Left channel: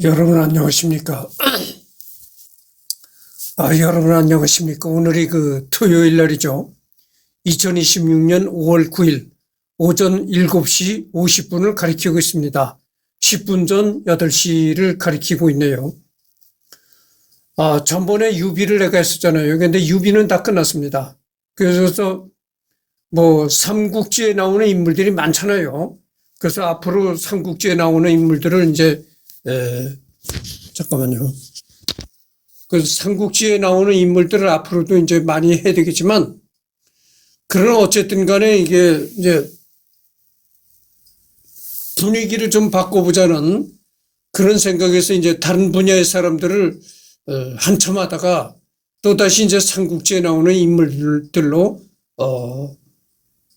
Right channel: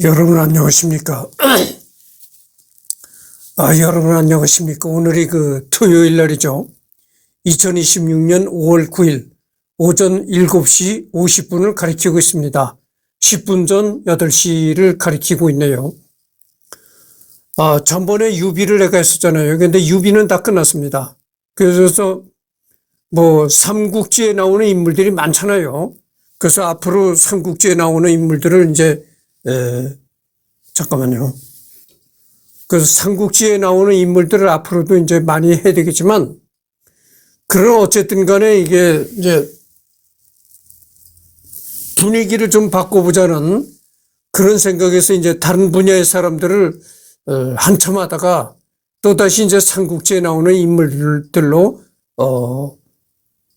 여러분 안녕하십니까? 여러분 안녕하십니까? 오늘이 토요일 날이죠. 2026년 5월 9일 오전 7시 50분을 가리키고 있습니다. 10분 전 8시를 가리키고 있네요. 전번에 유비를 내가 했었잖아요. 근데 유비는 다 끝났습니다. 그래서 삼국지에 나오는 인물들이 많잖아요. 그래서 앞으로 삼국지에 나오는 인물들을 이제 잠깐만요. 그 삼국지에 나오는 인물들을 앞으로도 이제 많이 해야 되겠지만, 그러나 어쨌든 간에 이게 이제 분위기를 좀 바꿔보자는 그런 생각에서 이제 다른 분야의 사람들을 한참 하다가 또다시 이제 삼국지에 나오는 인물들로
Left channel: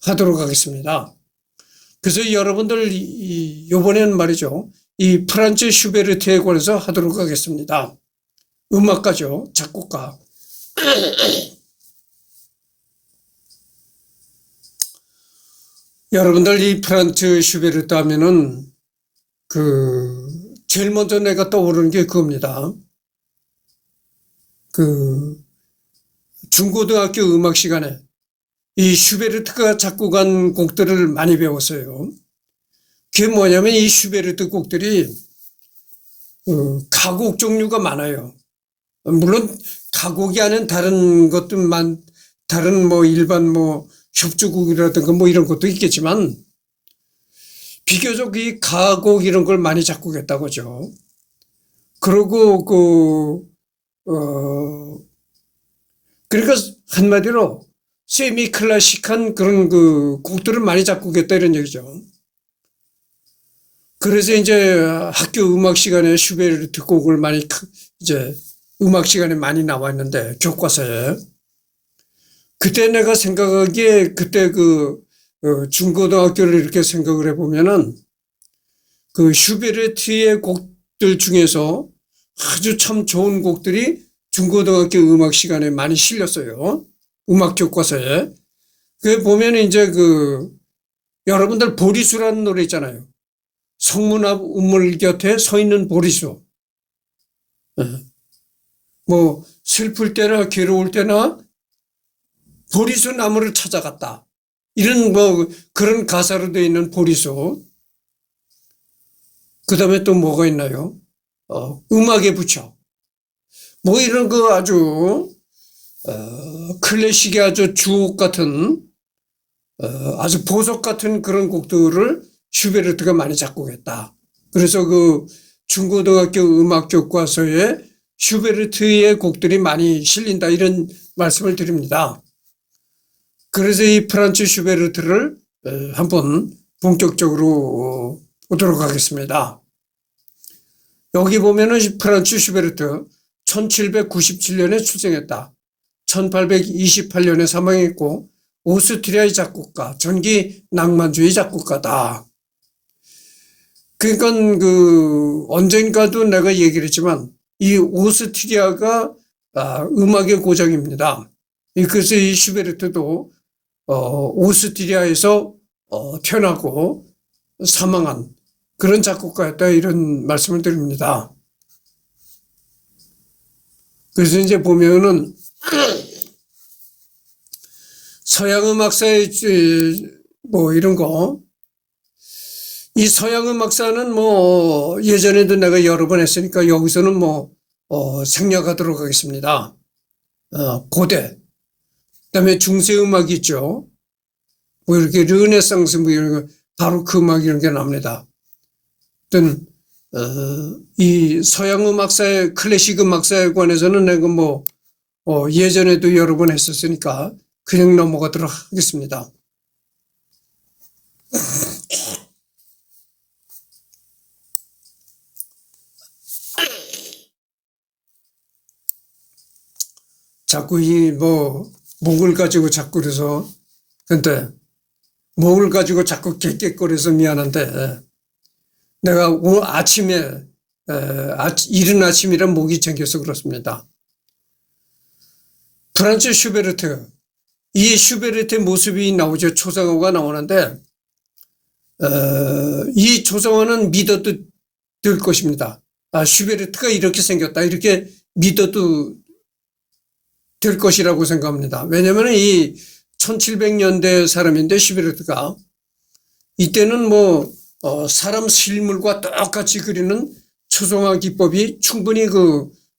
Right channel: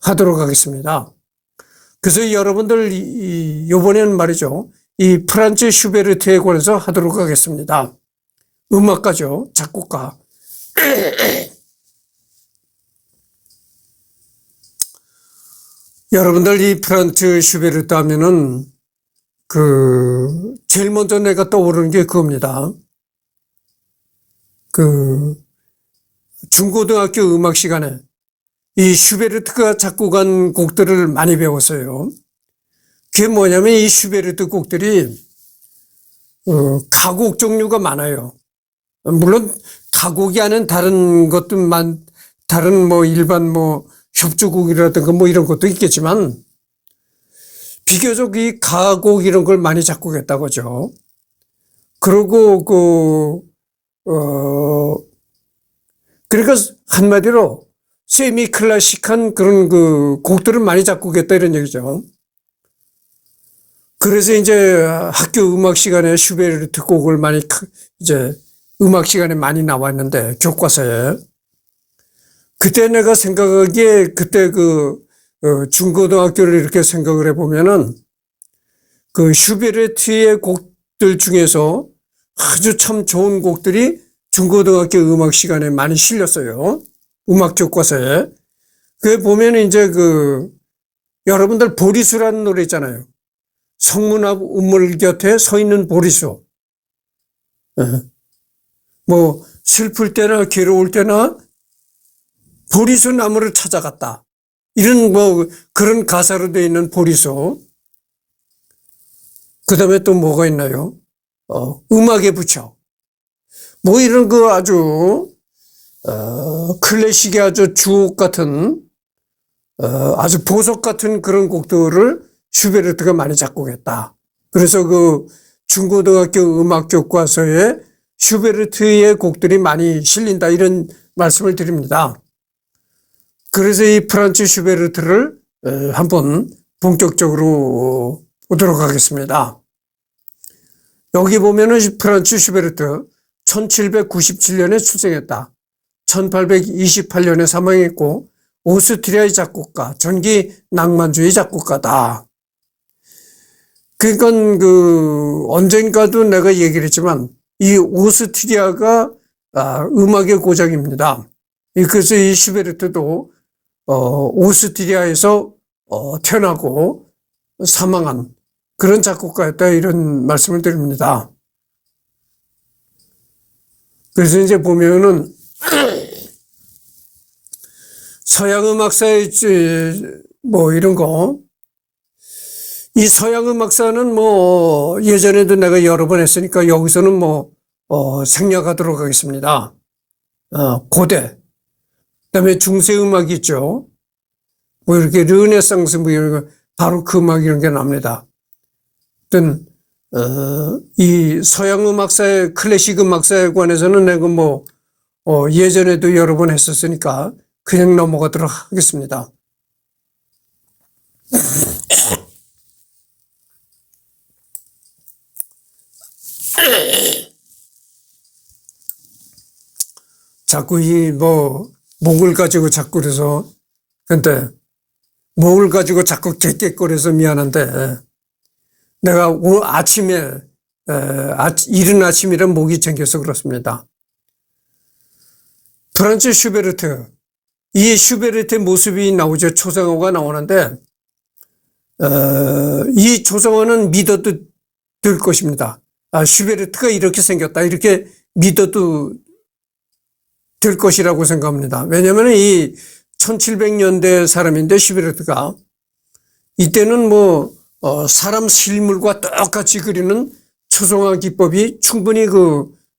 하도록 하겠습니다. 그래서 여러분들 이번에는 말이죠. 이 프란츠 슈베르트에 관해서 하도록 하겠습니다. 음악가죠. 작곡가. 여러분들 이 프란츠 슈베르트 하면은 제일 먼저 내가 떠오르는 게 그겁니다. 중고등학교 음악 시간에 이 슈베르트가 작곡한 곡들을 많이 배웠어요. 그게 뭐냐면 이 슈베르트 곡들이 가곡 종류가 많아요. 물론 가곡이 아닌 다른 것들만, 다른 일반 협주곡이라든가 이런 것도 있겠지만, 비교적 이 가곡 이런 걸 많이 작곡했다고죠. 그리고 그러니까 한마디로 세미 클래식한 그런 곡들을 많이 작곡했다 이런 얘기죠. 그래서 이제 학교 음악 시간에 슈베르트 곡을 많이 이제 음악 시간에 많이 나왔는데, 교과서에. 그때 내가 생각하기에 그때 중고등학교를 이렇게 생각을 해보면은 슈베르트의 곡들 중에서 아주 참 좋은 곡들이 중고등학교 음악 시간에 많이 실렸어요. 음악 교과서에. 그게 보면 이제 여러분들 보리수라는 노래 있잖아요. 성문 앞 우물 곁에 서 있는 보리수. 슬플 때나 괴로울 때나 보리수 나무를 찾아갔다. 이런 그런 가사로 되어 있는 보리수. 그 다음에 또 뭐가 있나요? 음악의 부처. 이런 아주, 클래식의 아주 주옥 같은, 아주 보석 같은 그런 곡들을 슈베르트가 많이 작곡했다. 그래서 중고등학교 음악 교과서에 슈베르트의 곡들이 많이 실린다 이런 말씀을 드립니다. 그래서 이 프란츠 슈베르트를 한번 본격적으로 보도록 하겠습니다. 여기 보면은 프란츠 슈베르트 1797년에 출생했다. 1828년에 사망했고 오스트리아의 작곡가, 전기 낭만주의 작곡가다. 그러니까 언젠가도 내가 얘기를 했지만 이 오스트리아가 음악의 고장입니다. 그래서 이 슈베르트도 오스트리아에서 태어나고 사망한 그런 작곡가였다 이런 말씀을 드립니다. 그래서 이제 보면은 서양 음악사의 이런 거, 이 서양 음악사는 예전에도 내가 여러 번 했으니까 여기서는 생략하도록 하겠습니다. 고대, 그다음에 중세 음악이 있죠. 이렇게 르네상스 이런 거, 바로크 음악 이런 게 납니다. 이 서양 음악사의 클래식 음악사에 관해서는 내가 예전에도 여러 번 했었으니까 그냥 넘어가도록 하겠습니다. 자꾸 목을 가지고 자꾸 그래서, 근데 목을 가지고 자꾸 객객거려서 미안한데, 내가 오늘 아침에, 이른 아침이라 목이 잠겨서 그렇습니다. 프란츠 슈베르트, 이 슈베르트의 모습이 나오죠. 초상화가 나오는데, 이 초상화는 믿어도 될 것입니다. 슈베르트가 이렇게 생겼다. 이렇게 믿어도 될 것이라고 생각합니다. 왜냐하면 이 1700년대 사람인데 슈베르트가 이때는 뭐 사람 실물과 똑같이 그리는 초성화 기법이 충분히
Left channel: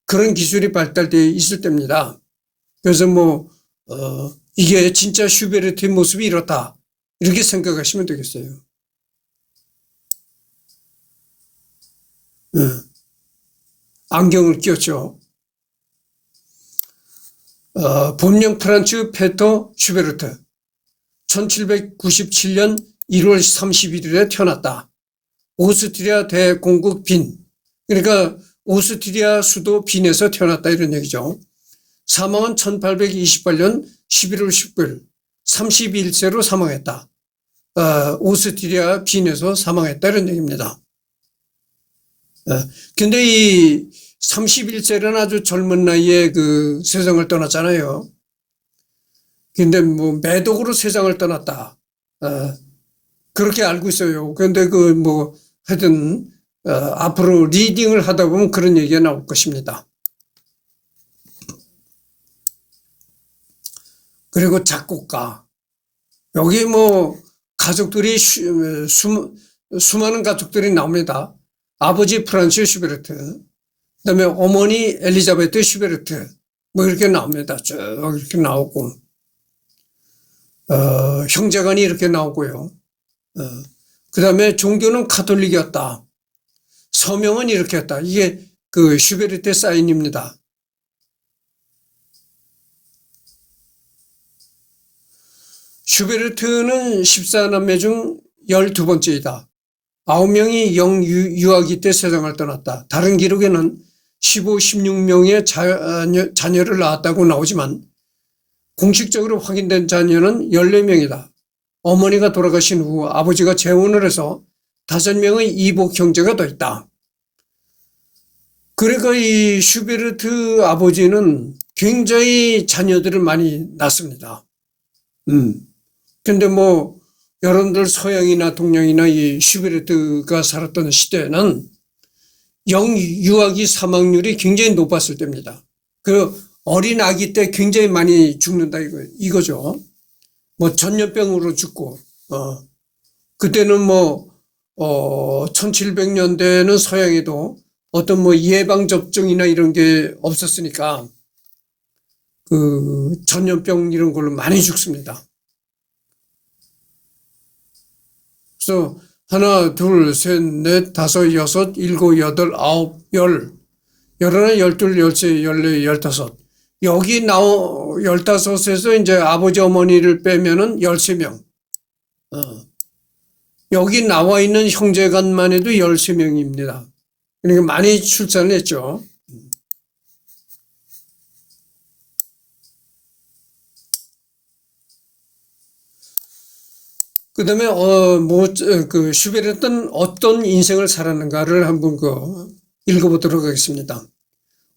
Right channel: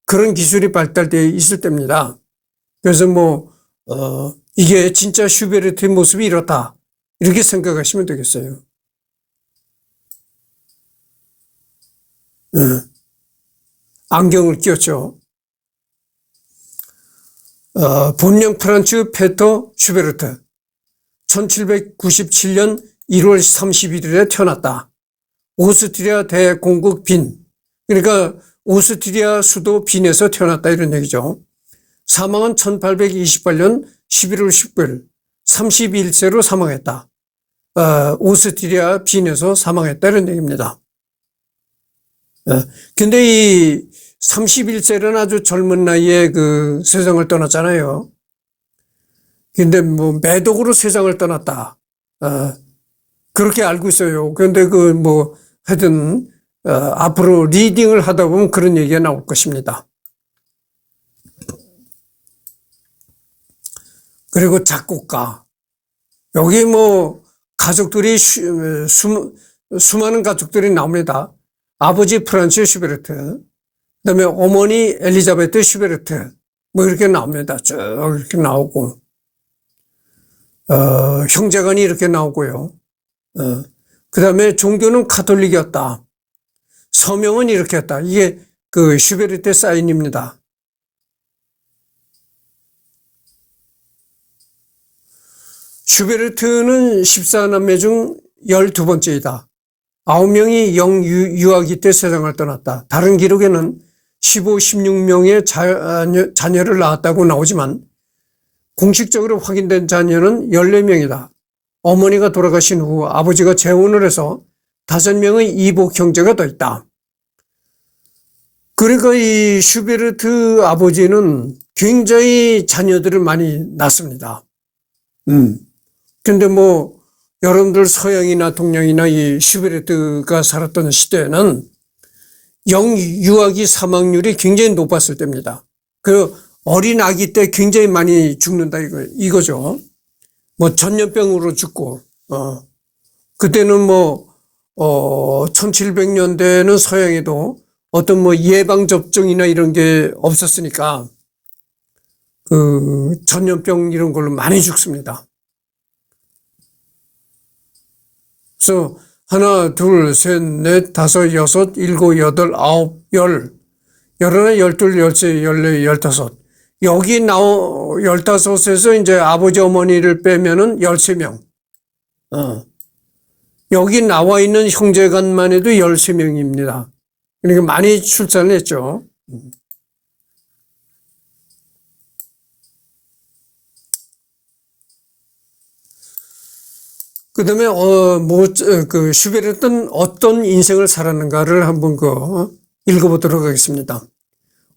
그런 기술이 발달되어 있을 때입니다. 그래서 이게 진짜 슈베르트의 모습이 이렇다. 이렇게 생각하시면 되겠어요. 안경을 끼웠죠. 본명 프란츠 페터 슈베르트. 1797년 1월 31일에 태어났다. 오스트리아 대공국 빈. 그러니까 오스트리아 수도 빈에서 태어났다 이런 얘기죠. 사망은 1828년 11월 19일 31세로 사망했다. 오스트리아 빈에서 사망했다 이런 얘기입니다. 근데 이 31세는 아주 젊은 나이에 세상을 떠났잖아요. 근데 매독으로 세상을 떠났다. 그렇게 알고 있어요. 그런데 하여튼, 앞으로 리딩을 하다 보면 그런 얘기가 나올 것입니다. 그리고 작곡가. 여기 가족들이, 수많은 가족들이 나옵니다. 아버지 프란츠 슈베르트, 그 다음에 어머니 엘리자베트 슈베르트, 이렇게 나옵니다. 쭉 이렇게 나오고, 형제간이 이렇게 나오고요. 그 다음에 종교는 가톨릭이었다. 서명은 이렇게 했다. 이게 슈베르트 사인입니다. 슈베르트는 14남매 중 12번째이다. 9명이 영유아기 때 세상을 떠났다. 다른 기록에는 15, 16명의 자녀를 낳았다고 나오지만 공식적으로 확인된 자녀는 14명이다. 어머니가 돌아가신 후 아버지가 재혼을 해서 5명의 이복 형제가 더 있다. 그러니까 이 슈베르트 아버지는 굉장히 자녀들을 많이 낳습니다. 근데 여러분들 서양이나 동양이나 이 슈베르트가 살았던 시대에는 영유아기 사망률이 굉장히 높았을 때입니다. 어린 아기 때 굉장히 많이 죽는다 이거죠. 전염병으로 죽고, 그때는 1700년대에는 서양에도 어떤 예방접종이나 이런 게 없었으니까 전염병 이런 걸로 많이 죽습니다. 그래서 하나, 둘, 셋, 넷, 다섯, 여섯, 일곱, 여덟, 아홉, 열, 열하나, 열둘, 열세, 열네, 열다섯. 여기 15에서 이제 아버지 어머니를 빼면은 13명. 여기 나와 있는 형제간만 해도 13명입니다. 그러니까 많이 출산을 했죠. 그 다음에, 슈베르트는 어떤 인생을 살았는가를 한번 읽어보도록 하겠습니다.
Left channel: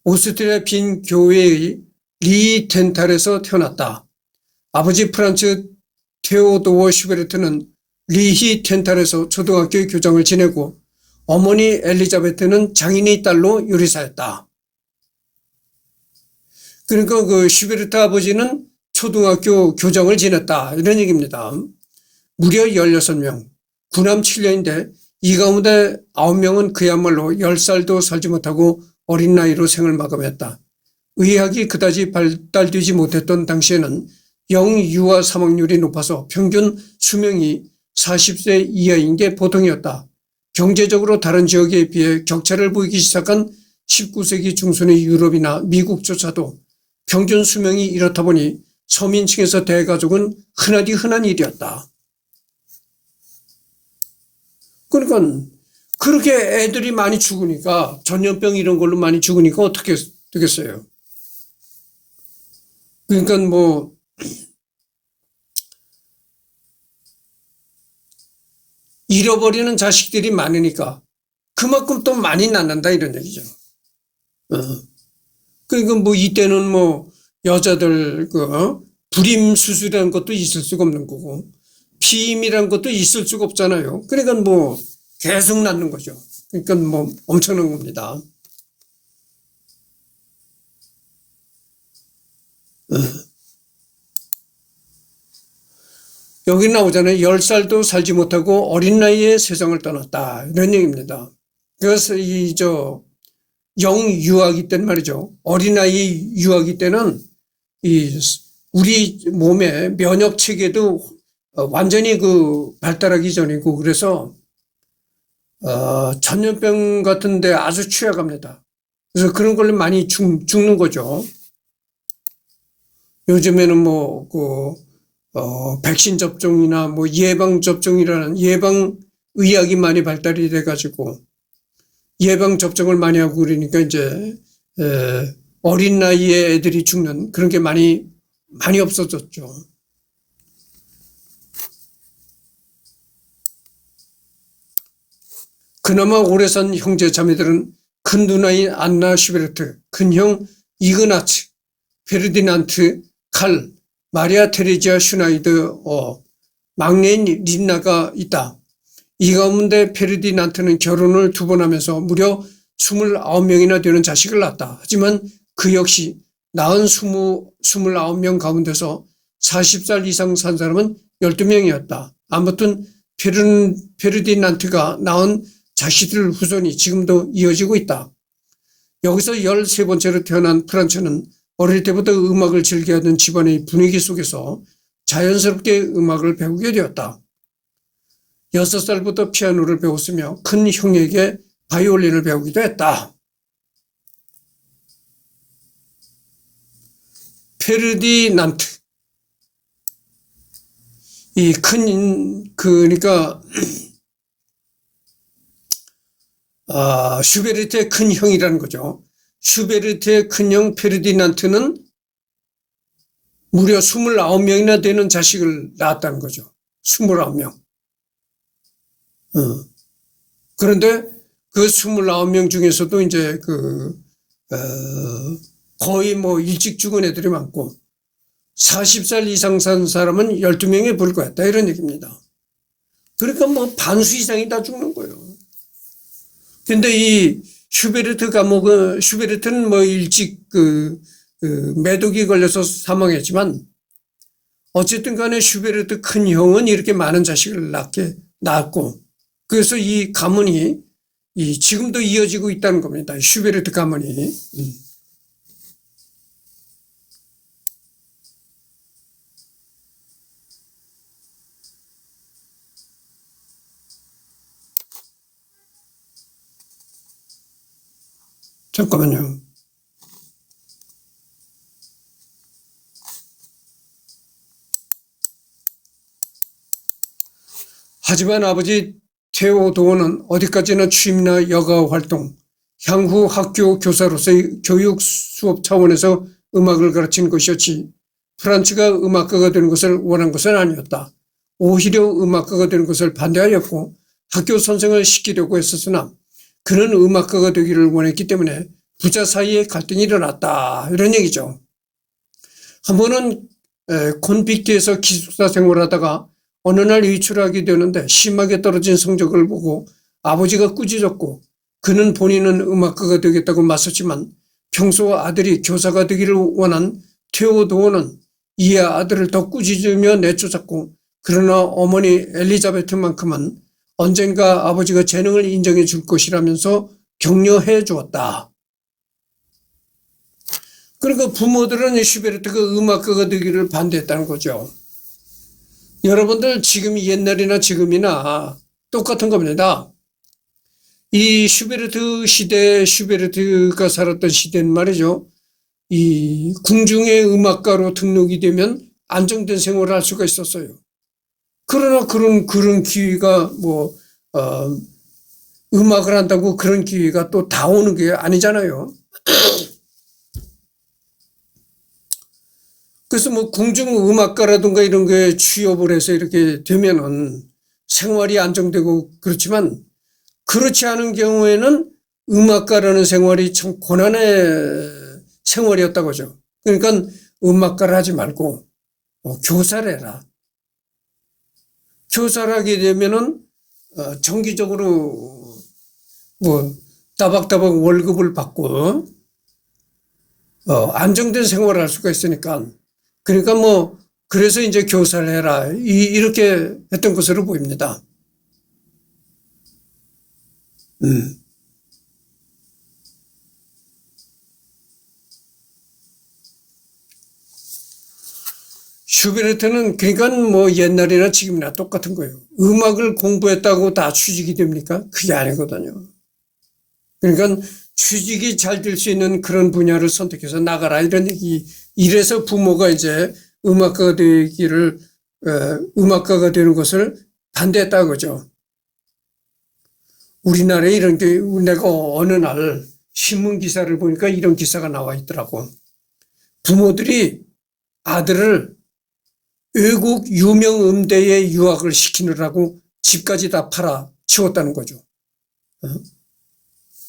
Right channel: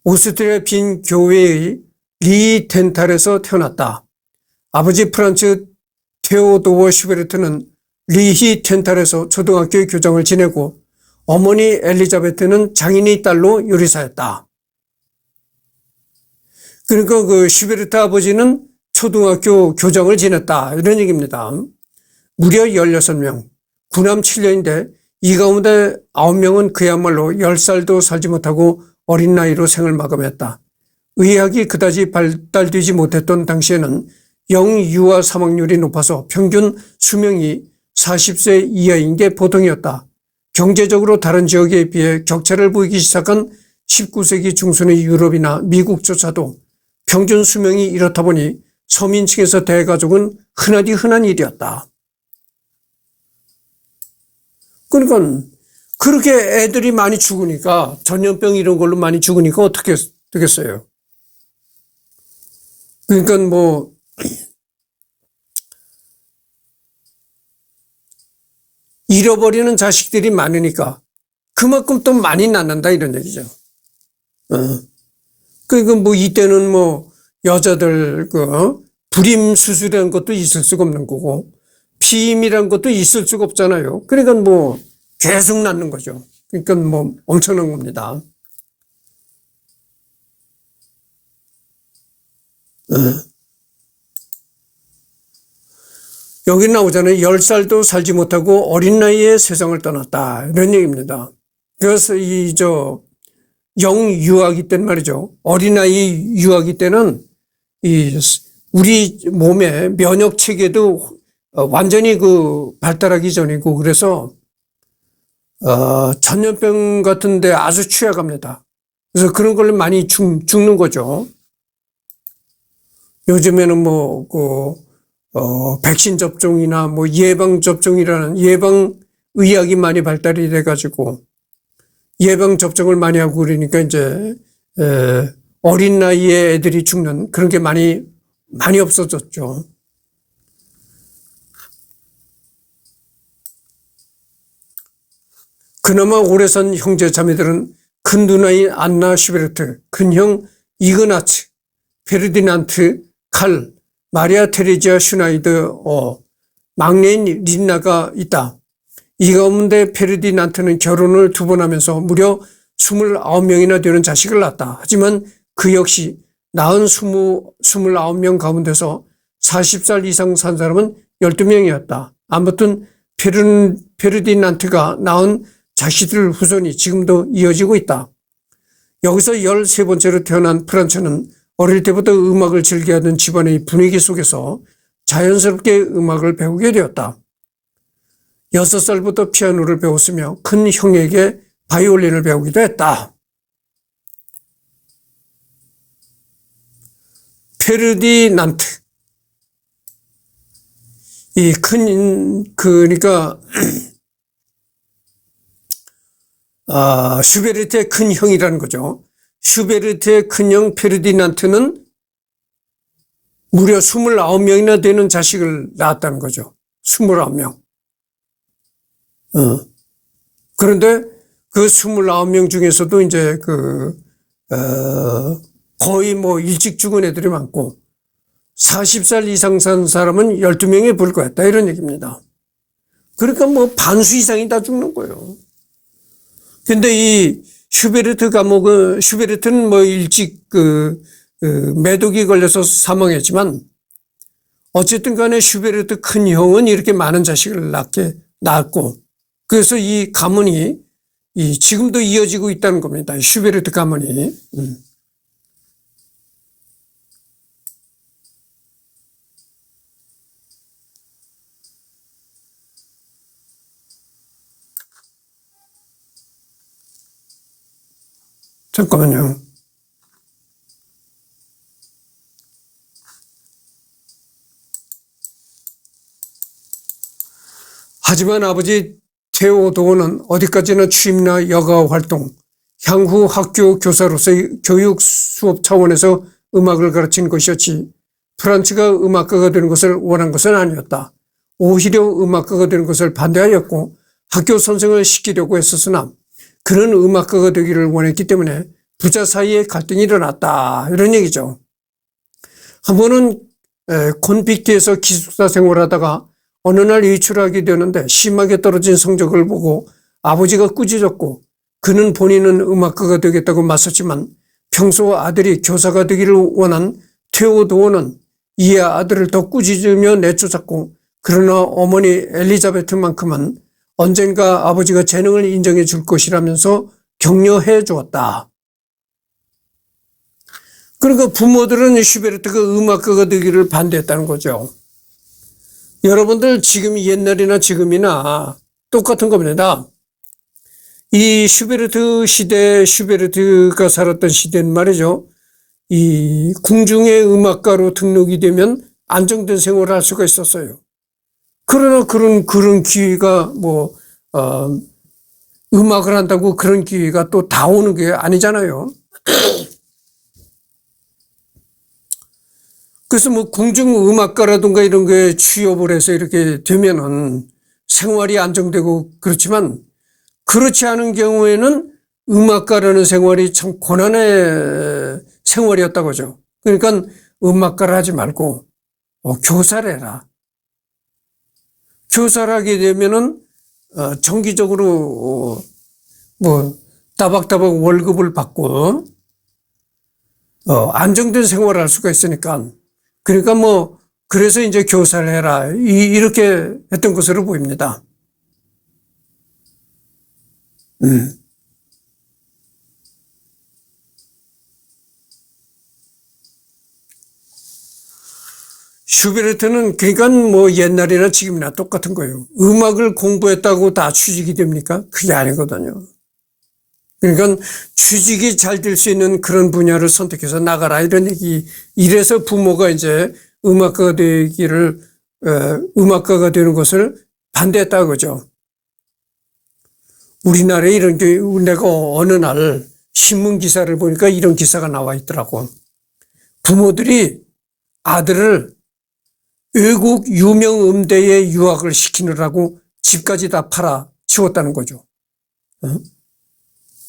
오스트리아 빈 교회의 리 텐탈에서 태어났다. 아버지 프란츠 테오도어 슈베르트는 리히 텐탈에서 초등학교 교장을 지내고 어머니 엘리자베트는 장인의 딸로 요리사였다. 그러니까 슈베르트 아버지는 초등학교 교장을 지냈다. 이런 얘기입니다. 무려 16명, 구남 7녀인데 이 가운데 9명은 그야말로 10살도 살지 못하고 어린 나이로 생을 마감했다. 의학이 그다지 발달되지 못했던 당시에는 영유아 사망률이 높아서 평균 수명이 40세 이하인 게 보통이었다. 경제적으로 다른 지역에 비해 격차를 보이기 시작한 19세기 중순의 유럽이나 미국조차도 평균 수명이 이렇다 보니 서민층에서 대가족은 흔하디 흔한 일이었다. 그러니까 그렇게 애들이 많이 죽으니까 전염병 이런 걸로 많이 죽으니까 어떻게 되겠어요. 그러니까 잃어버리는 자식들이 많으니까 그만큼 또 많이 낳는다 이런 얘기죠. 그러니까 이때는 여자들 불임 수술이라는 것도 있을 수가 없는 거고 피임이라는 것도 있을 수가 없잖아요. 그러니까 계속 낳는 거죠. 그러니까 뭐 엄청난 겁니다. 여기 나오잖아요. 10살도 살지 못하고 어린 나이에 세상을 떠났다. 이런 얘기입니다. 그래서 영유아기 때는 말이죠. 어린아이 유아기 때는 우리 몸의 면역 체계도 완전히 발달하기 전이고, 그래서 전염병 같은데 아주 취약합니다. 그래서 그런 걸로 많이 죽는 거죠. 요즘에는 백신 접종이나 예방 접종이라는 예방 의학이 많이 발달이 돼가지고 예방 접종을 많이 하고 그러니까 이제 어린 나이에 애들이 죽는 그런 게 많이 없어졌죠. 그나마 오래 산 형제 자매들은 큰 누나인 안나 슈베르트, 큰형 이그나츠, 페르디난트, 칼, 마리아 테레지아 슈나이드, 막내인 린나가 있다. 이 가운데 페르디난트는 결혼을 2번 하면서 무려 29명이나 되는 자식을 낳았다. 하지만 그 역시 낳은 29명 가운데서 40살 이상 산 사람은 12명이었다. 아무튼 페르디난트가 낳은 자식들 후손이 지금도 이어지고 있다. 여기서 13번째로 태어난 프란츠는 어릴 때부터 음악을 즐겨하던 집안의 분위기 속에서 자연스럽게 음악을 배우게 되었다. 6살부터 피아노를 배웠으며 큰 형에게 바이올린을 배우기도 했다. 페르디난트. 그러니까, 슈베르트의 큰 형이라는 거죠. 슈베르트의 큰형 페르디난트는 무려 29명이나 되는 자식을 낳았다는 거죠. 29명. 그런데 그 29명 중에서도 이제 거의 일찍 죽은 애들이 많고 40살 이상 산 사람은 12명에 불과했다. 이런 얘기입니다. 그러니까 반수 이상이 다 죽는 거예요. 근데 이 슈베르트는 일찍 매독이 걸려서 사망했지만 어쨌든 간에 슈베르트 큰 형은 이렇게 많은 자식을 낳았고 그래서 이 가문이 지금도 이어지고 있다는 겁니다. 슈베르트 가문이. 잠깐만요. 하지만 아버지 테오도어는 어디까지나 취미나 여가 활동, 향후 학교 교사로서의 교육 수업 차원에서 음악을 가르치는 것이었지 프란츠가 음악가가 되는 것을 원한 것은 아니었다. 오히려 음악가가 되는 것을 반대하였고 학교 선생을 시키려고 했었으나 그는 음악가가 되기를 원했기 때문에 부자 사이에 갈등이 일어났다. 이런 얘기죠. 한 번은 콘빅트에서 기숙사 생활하다가 어느 날 외출하게 되는데 심하게 떨어진 성적을 보고 아버지가 꾸짖었고 그는 본인은 음악가가 되겠다고 맞섰지만 평소 아들이 교사가 되기를 원한 테오도어는 이에 아들을 더 꾸짖으며 내쫓았고 그러나 어머니 엘리자베트만큼은 언젠가 아버지가 재능을 인정해 줄 것이라면서 격려해 주었다. 그러니까 부모들은 슈베르트가 음악가가 되기를 반대했다는 거죠. 여러분들 지금 옛날이나 지금이나 똑같은 겁니다. 이 슈베르트가 살았던 시대는 말이죠. 이 궁중의 음악가로 등록이 되면 안정된 생활을 할 수가 있었어요. 그러나 그런 기회가 음악을 한다고 그런 기회가 또 다 오는 게 아니잖아요. 그래서 궁중 음악가라든가 이런 거에 취업을 해서 이렇게 되면은 생활이 안정되고 그렇지만 그렇지 않은 경우에는 음악가라는 생활이 참 고난의 생활이었다고 하죠. 그러니까 음악가를 하지 말고 교사를 해라. 교사를 하게 되면은 정기적으로 뭐 따박따박 월급을 받고 안정된 생활을 할 수가 있으니까 그러니까 뭐 그래서 이제 교사를 해라 이렇게 했던 것으로 보입니다. 슈베르트는 그러니까 뭐 옛날이나 지금이나 똑같은 거예요. 음악을 공부했다고 다 취직이 됩니까? 그게 아니거든요. 그러니까 취직이 잘 될 수 있는 그런 분야를 선택해서 나가라 이런 얘기. 이래서 부모가 이제 음악가가 되는 것을 반대했다 그죠. 우리나라에 이런 게 내가 어느 날 신문 기사를 보니까 이런 기사가 나와 있더라고. 부모들이 아들을 외국 유명 음대에 유학을 시키느라고 집까지 다 팔아 치웠다는 거죠.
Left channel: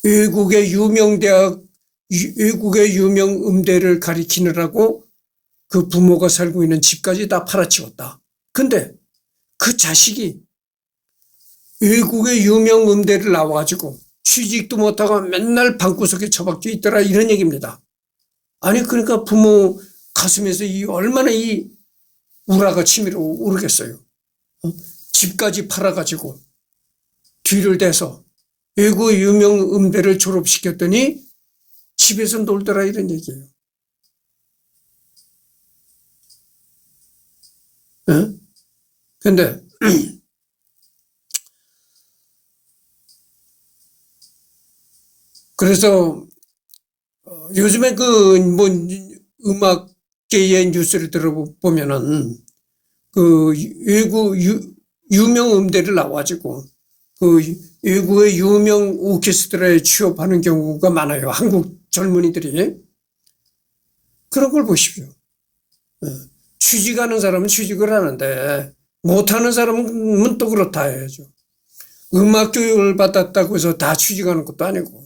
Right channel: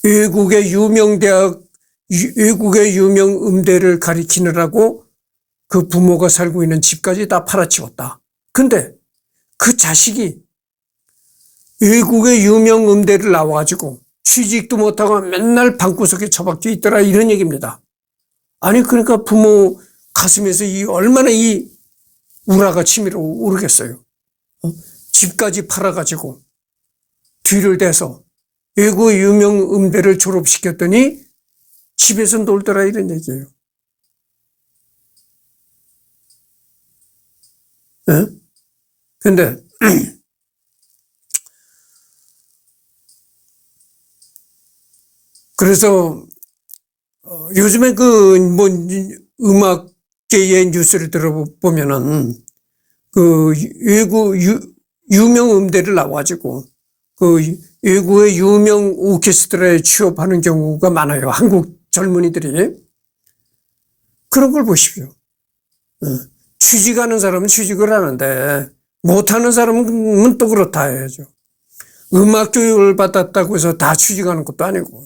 외국의 유명 대학, 외국의 유명 음대를 가리키느라고 그 부모가 살고 있는 집까지 다 팔아치웠다. 근데 그 자식이 외국의 유명 음대를 나와가지고 취직도 못하고 맨날 방구석에 처박혀 있더라 이런 얘기입니다. 아니 그러니까 부모 가슴에서 얼마나 이 우라가 치밀어 오르겠어요. 집까지 팔아가지고 뒤를 대서 외국 유명 음대를 졸업시켰더니 집에서 놀더라 이런 얘기예요. 근데 그래서 요즘에 그 뭐 음악계의 뉴스를 들어보면은 그 외국 유명 음대를 나와가지고 그 외국의 유명 오케스트라에 취업하는 경우가 많아요. 한국 젊은이들이. 그런 걸 보십시오. 취직하는 사람은 취직을 하는데 못하는 사람은 또 그렇다 해야죠. 음악 교육을 받았다고 해서 다 취직하는 것도 아니고.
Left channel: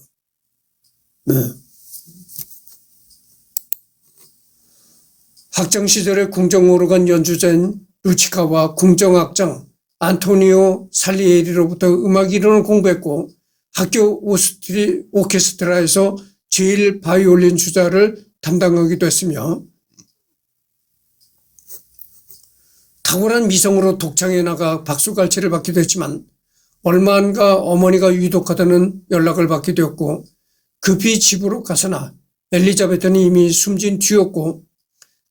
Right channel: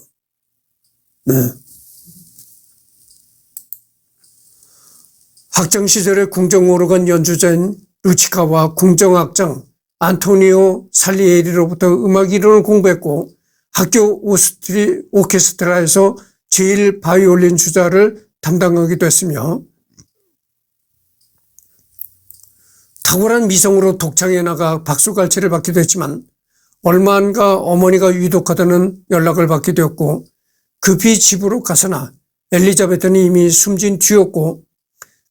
학창시절에 궁정오르간 연주자인 루치카와 궁정악장 안토니오 살리에리로부터 음악 이론을 공부했고 학교 오케스트라에서 제일 바이올린 주자를 담당하기도 했으며 탁월한 미성으로 독창에 나가 박수갈채를 받기도 했지만 얼마 안가 어머니가 위독하다는 연락을 받게 되었고 급히 집으로 가서나 엘리자베트는 이미 숨진 뒤였고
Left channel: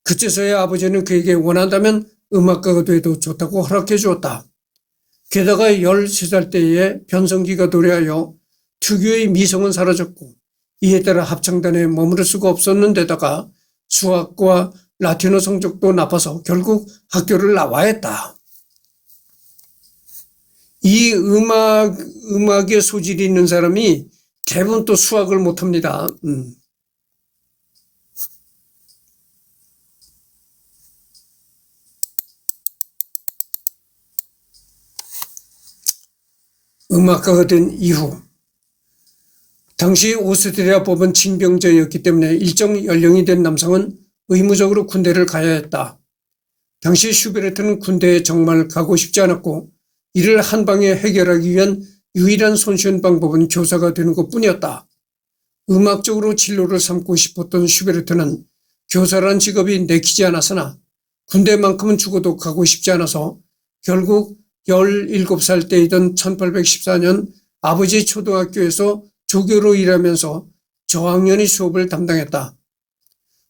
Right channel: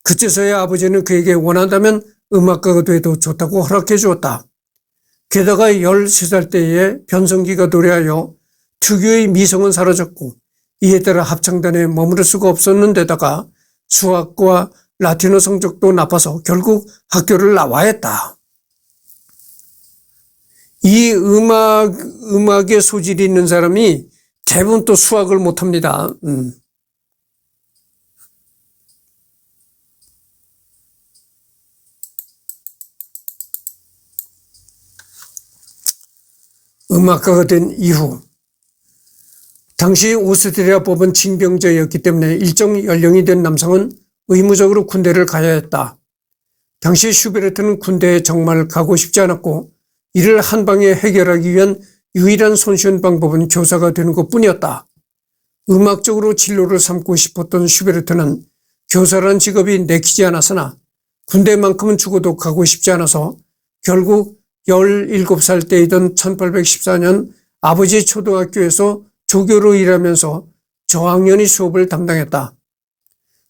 그제서야 아버지는 그에게 원한다면 음악가가 돼도 좋다고 허락해 주었다. 게다가 13살 때에 변성기가 도래하여 특유의 미성은 사라졌고 이에 따라 합창단에 머무를 수가 없었는데다가 수학과 라틴어 성적도 나빠서 결국 학교를 나와야 했다. 이 음악에 소질이 있는 사람이 대부분 또 수학을 못합니다. 음악가가 된 이후 당시 오스트리아법은 징병제였기 때문에 일정 연령이 된 남성은 의무적으로 군대를 가야 했다. 당시 슈베르트는 군대에 정말 가고 싶지 않았고 이를 한 방에 해결하기 위한 유일한 손쉬운 방법은 교사가 되는 것뿐이었다. 음악적으로 진로를 삼고 싶었던 슈베르트는 교사란 직업이 내키지 않았으나 군대만큼은 죽어도 가고 싶지 않아서 결국 17살 때이던 1814년 아버지 초등학교에서 조교로 일하면서 저학년의 수업을 담당했다.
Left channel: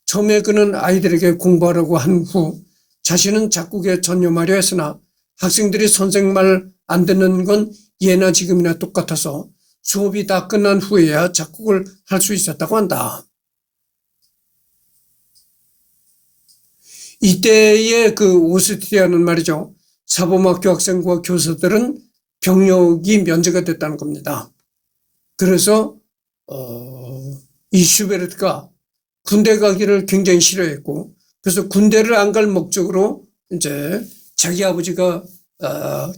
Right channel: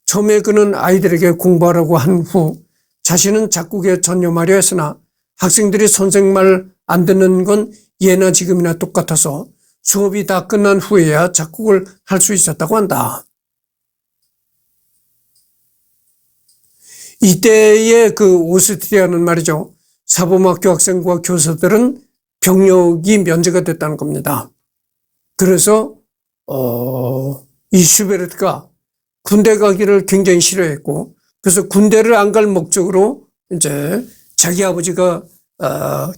처음에 그는 아이들에게 공부하라고 한 후 자신은 작곡에 전념하려 했으나 학생들이 선생 말 안 듣는 건 예나 지금이나 똑같아서 수업이 다 끝난 후에야 작곡을 할 수 있었다고 한다. 이때의 그 오스트리아는 말이죠. 사범학교 학생과 교사들은 병력이 면제가 됐다는 겁니다. 그래서 이 슈베르트가 군대 가기를 굉장히 싫어했고 그래서 군대를 안 갈 목적으로 이제 자기 아버지가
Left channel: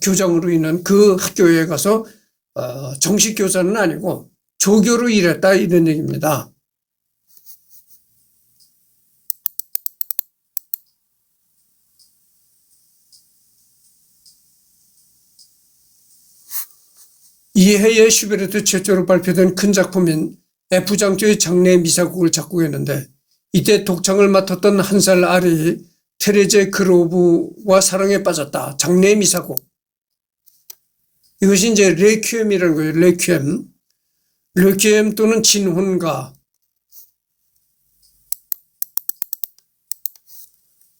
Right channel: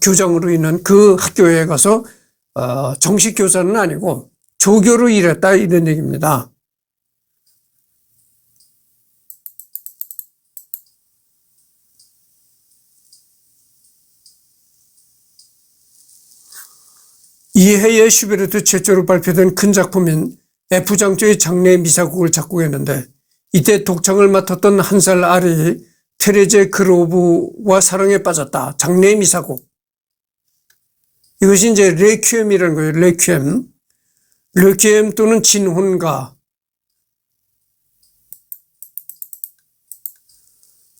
교장으로 있는 그 학교에 가서 정식 교사는 아니고 조교로 일했다 이런 얘기입니다. 이해에 슈베르트 최초로 발표된 큰 작품인 F장조의 장례 미사곡을 작곡했는데 이때 독창을 맡았던 한 살 아래의 테레제 그로브와 사랑에 빠졌다. 장례 미사곡. 이것이 이제 레퀴엠이라는 거예요. 레퀴엠. 레퀴엠 또는 진혼가.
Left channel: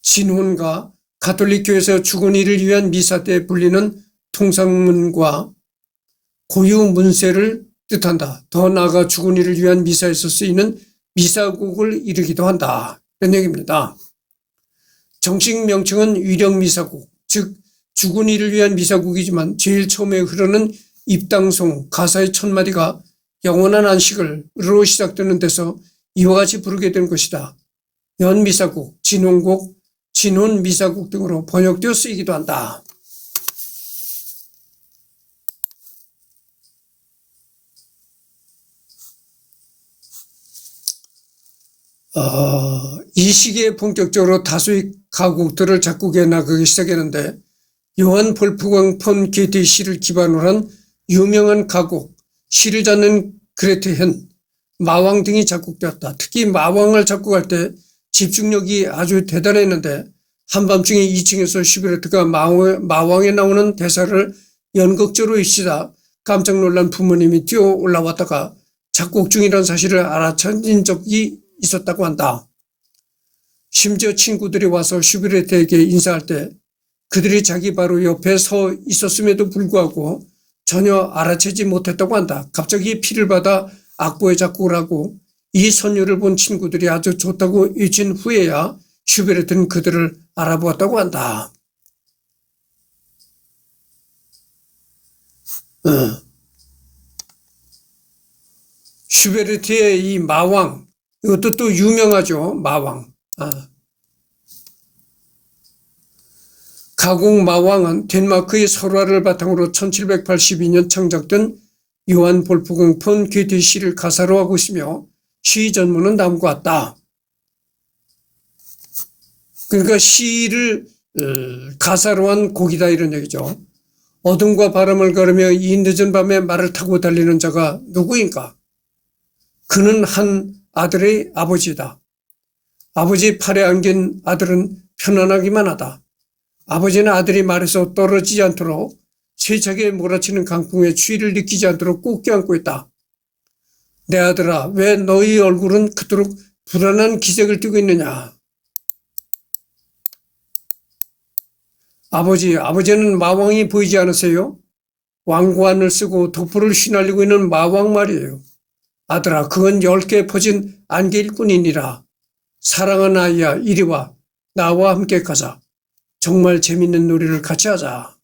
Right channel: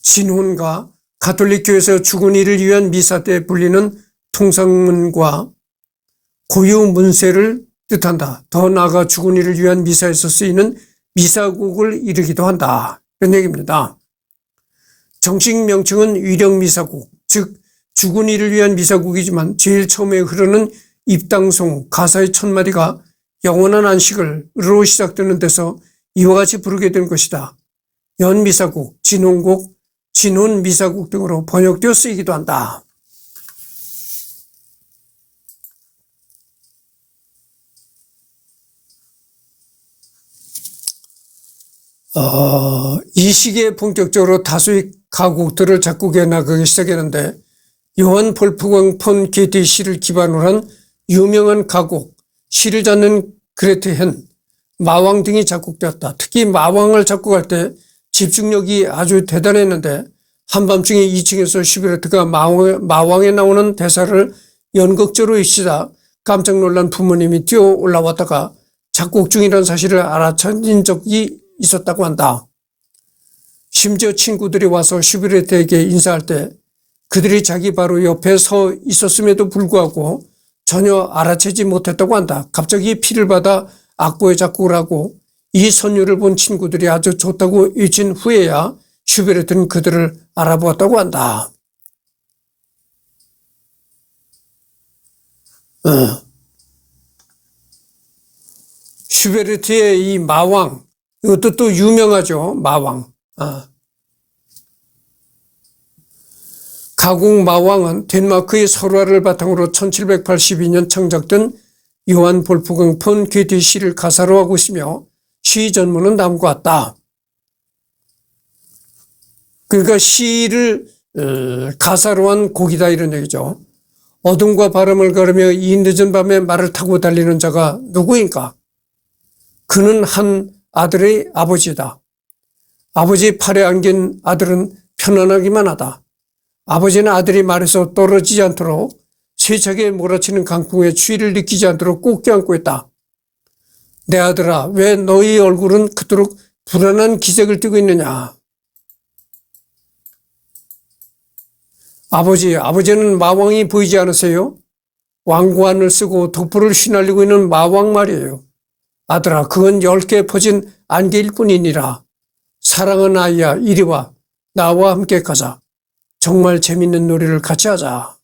진혼가. 가톨릭교에서 죽은 이를 위한 미사 때 불리는 통상문과 고유 문세를 뜻한다. 더 나아가 죽은 이를 위한 미사에서 쓰이는 미사곡을 이르기도 한다. 이런 얘기입니다. 정식 명칭은 위령미사곡, 즉 죽은 이를 위한 미사곡이지만 제일 처음에 흐르는 입당송 가사의 첫 마디가 영원한 안식을로 시작되는 데서 이와 같이 부르게 된 것이다. 연미사곡, 진혼곡, 진혼미사곡 등으로 번역되어 쓰이기도 한다. 이 시기에 본격적으로 다수의 가곡들을 작곡해 나가기 시작했는데 요한 볼프강 폰 게티 시를 기반으로 한 유명한 가곡 시를 잡는 그레테 헨, 마왕 등이 작곡되었다. 특히 마왕을 작곡할 때 집중력이 아주 대단했는데 한밤중에 2층에서 슈베르트가 마왕에 나오는 대사를 연극적으로 읽시다 깜짝 놀란 부모님이 뛰어 올라왔다가 작곡 중이라는 사실을 알아차린 적이 있었다고 한다. 심지어 친구들이 와서 슈베르트에게 인사할 때 그들이 자기 바로 옆에 서 있었음에도 불구하고 전혀 알아채지 못했다고 한다. 갑자기 피를 받아 악보에 작곡을 하고 이 선율을 본 친구들이 아주 좋다고 외친 후에야 슈베르트는 그들을 알아보았다고 한다. 슈베르트의 이 마왕, 이것도 또 유명하죠. 마왕. 가곡 마왕은 덴마크의 설화를 바탕으로 1782년 창작된 요한 볼프강 폰 게티 시를 가사로 하고 있으며 시 전문은 다음과 같다. 그러니까 시를 가사로 한 곡이다 이런 얘기죠. 어둠과 바람을 가르며 이 늦은 밤에 말을 타고 달리는 자가 누구인가? 그는 한 아들의 아버지다. 아버지 팔에 안긴 아들은 편안하기만 하다. 아버지는 아들이 말에서 떨어지지 않도록 세차게 몰아치는 강풍의 추위를 느끼지 않도록 꼭 껴안고 있다. 내 아들아, 왜 너희 얼굴은 그토록 불안한 기색을 띠고 있느냐? 아버지는 마왕이 보이지 않으세요? 왕관을 쓰고 독불을 휘날리고 있는 마왕 말이에요. 아들아, 그건 10개 퍼진 안개일 뿐이니라. 사랑하는 아이야, 이리 와. 나와 함께 가자. 정말 재밌는 놀이를 같이 하자.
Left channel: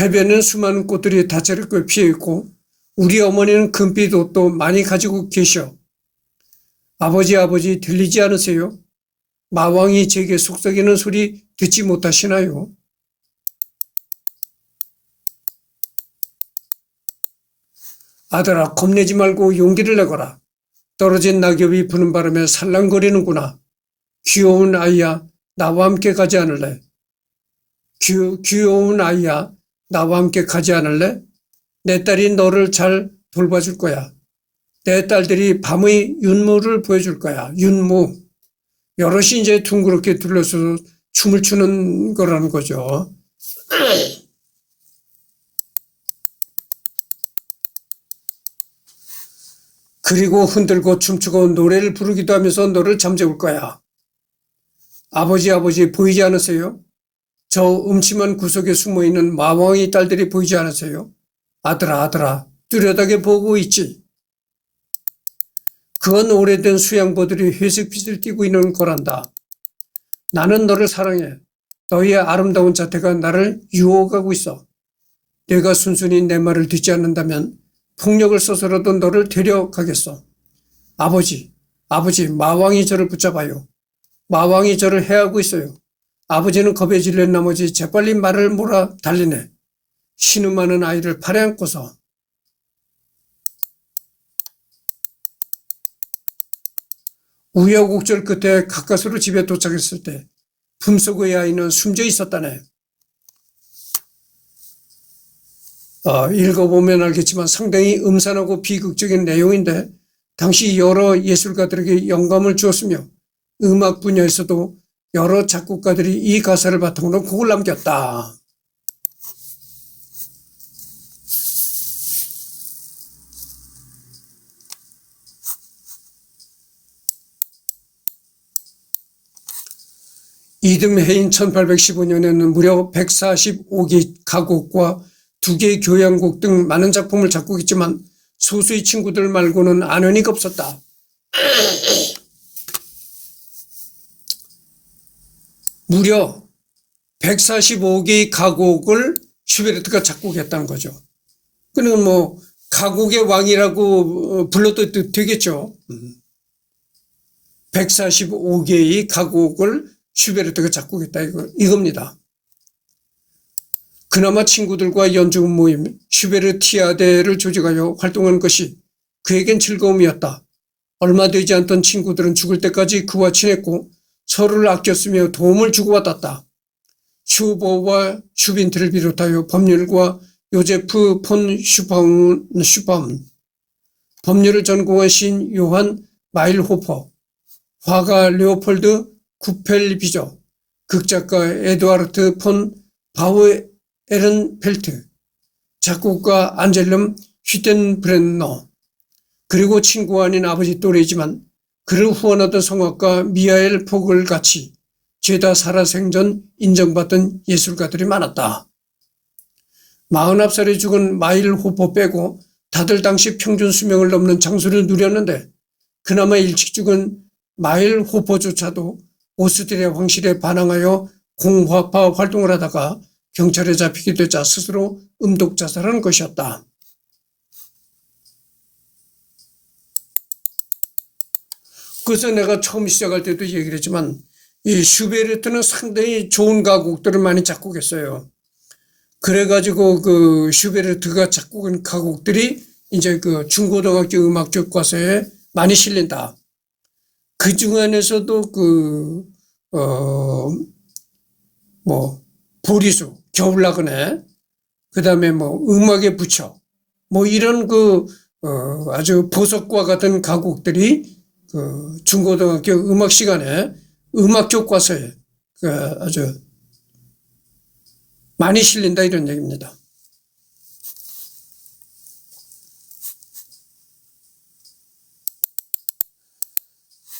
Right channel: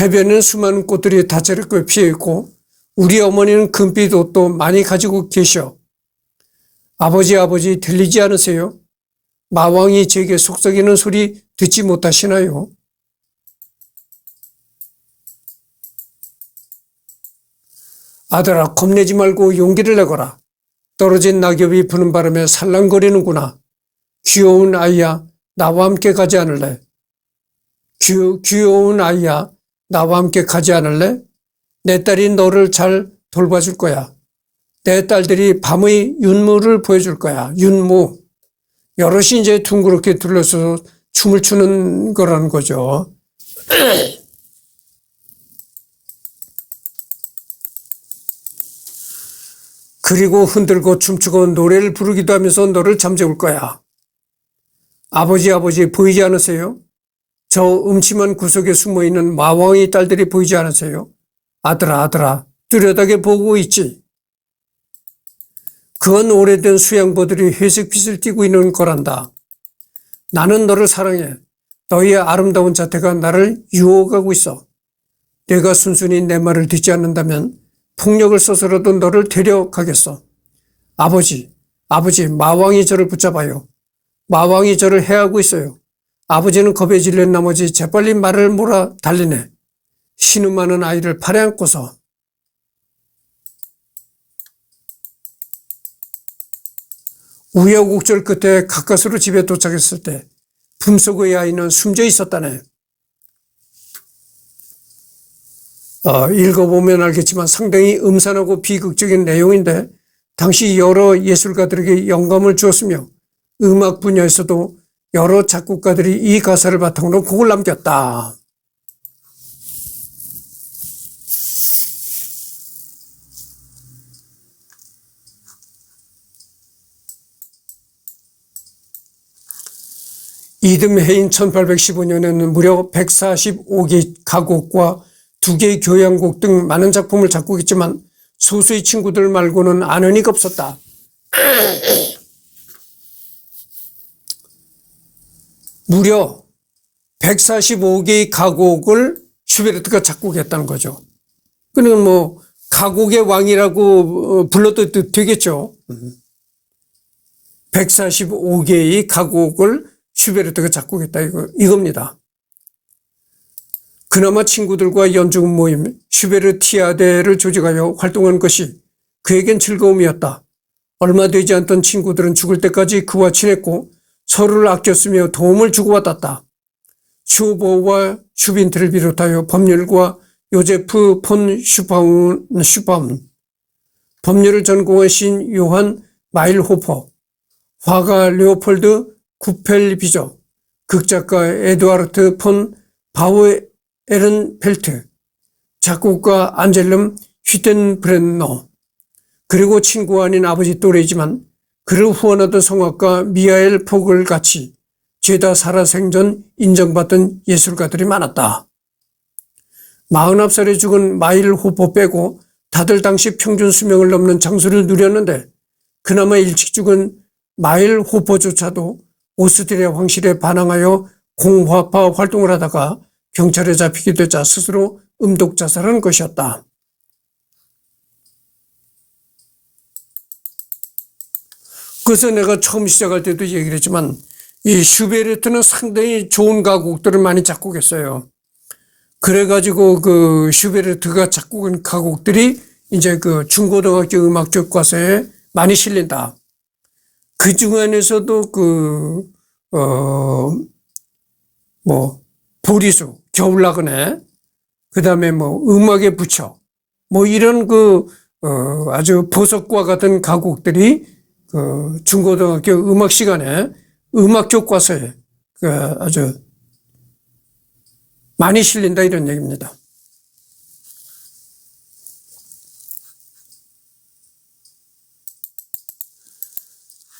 해변은 수많은 꽃들이 다채롭게 피어있고 우리 어머니는 금빛 옷도 많이 가지고 계셔. 아버지 들리지 않으세요? 마왕이 제게 속삭이는 소리 듣지 못하시나요? 아들아, 겁내지 말고 용기를 내거라. 떨어진 낙엽이 부는 바람에 살랑거리는구나. 귀여운 아이야, 나와 함께 가지 않을래? 귀여운 아이야, 나와 함께 가지 않을래? 내 딸이 너를 잘 돌봐줄 거야. 내 딸들이 밤의 윤무를 보여줄 거야. 윤무. 여럿이 이제 둥그렇게 둘러서 춤을 추는 거라는 거죠. 그리고 흔들고 춤추고 노래를 부르기도 하면서 너를 잠재울 거야. 아버지 보이지 않으세요? 저 음침한 구석에 숨어있는 마왕의 딸들이 보이지 않으세요? 아들아 뚜렷하게 보고 있지. 그건 오래된 수양보들이 회색빛을 띠고 있는 거란다. 나는 너를 사랑해. 너희의 아름다운 자태가 나를 유혹하고 있어. 내가 순순히 내 말을 듣지 않는다면 폭력을 써서라도 너를 데려가겠어. 아버지, 마왕이 저를 붙잡아요. 마왕이 저를 해하고 있어요. 아버지는 겁에 질린 나머지 재빨리 말을 몰아 달리네. 신음하는 아이를 팔에 안고서. 우여곡절 끝에 가까스로 집에 도착했을 때 품속의 아이는 숨져 있었다네. 읽어보면 알겠지만 상당히 음산하고 비극적인 내용인데 당시 여러 예술가들에게 영감을 주었으며 음악 분야에서도 여러 작곡가들이 이 가사를 바탕으로 곡을 남겼다. 이듬해인 1815년에는 무려 145개 가곡과 2개 교향곡 등 많은 작품을 작곡했지만 소수의 친구들 말고는 아는 이가 없었다. 무려 145개의 가곡을 슈베르트가 작곡했다는 거죠. 그는 뭐 가곡의 왕이라고 불러도 되겠죠. 145개의 가곡을 슈베르트가 작곡했다 이겁니다. 그나마 친구들과 연주금 모임 슈베르티아데를 조직하여 활동한 것이 그에겐 즐거움이었다. 얼마 되지 않던 친구들은 죽을 때까지 그와 친했고 서로를 아꼈으며 도움을 주고받았다. 쇼보와 슈빈트를 비롯하여 법률과 요제프 폰 슈파운, 법률을 전공한 시인 요한 마일호퍼, 화가 레오폴드 쿠펠비저, 극작가 에두아르트 폰 바우에른펠트, 작곡가 안젤름 휘텐브렌너, 그리고 친구 아닌 아버지 또래이지만 그를 후원하던 성악가 미하엘 포글 같이 죄다 살아생전 인정받던 예술가들이 많았다. 49살에 죽은 마일 호퍼 빼고 다들 당시 평균 수명을 넘는 장수를 누렸는데 그나마 일찍 죽은 마일 호퍼조차도 오스트리아 황실에 반항하여 공화파 활동을 하다가 경찰에 잡히게 되자 스스로 음독 자살한 것이었다. 그래서 내가 처음 시작할 때도 얘기를 했지만 이 슈베르트는 상당히 좋은 가곡들을 많이 작곡했어요. 그래가지고 그 슈베르트가 작곡한 가곡들이 이제 그 중고등학교 음악 교과서에 많이 실린다. 그 중에서도 보리수, 겨울나그네, 그 다음에 음악의 부처, 이런 아주 보석과 같은 가곡들이 중고등학교 음악 시간에 음악 교과서에 아주 많이 실린다 이런 얘기입니다.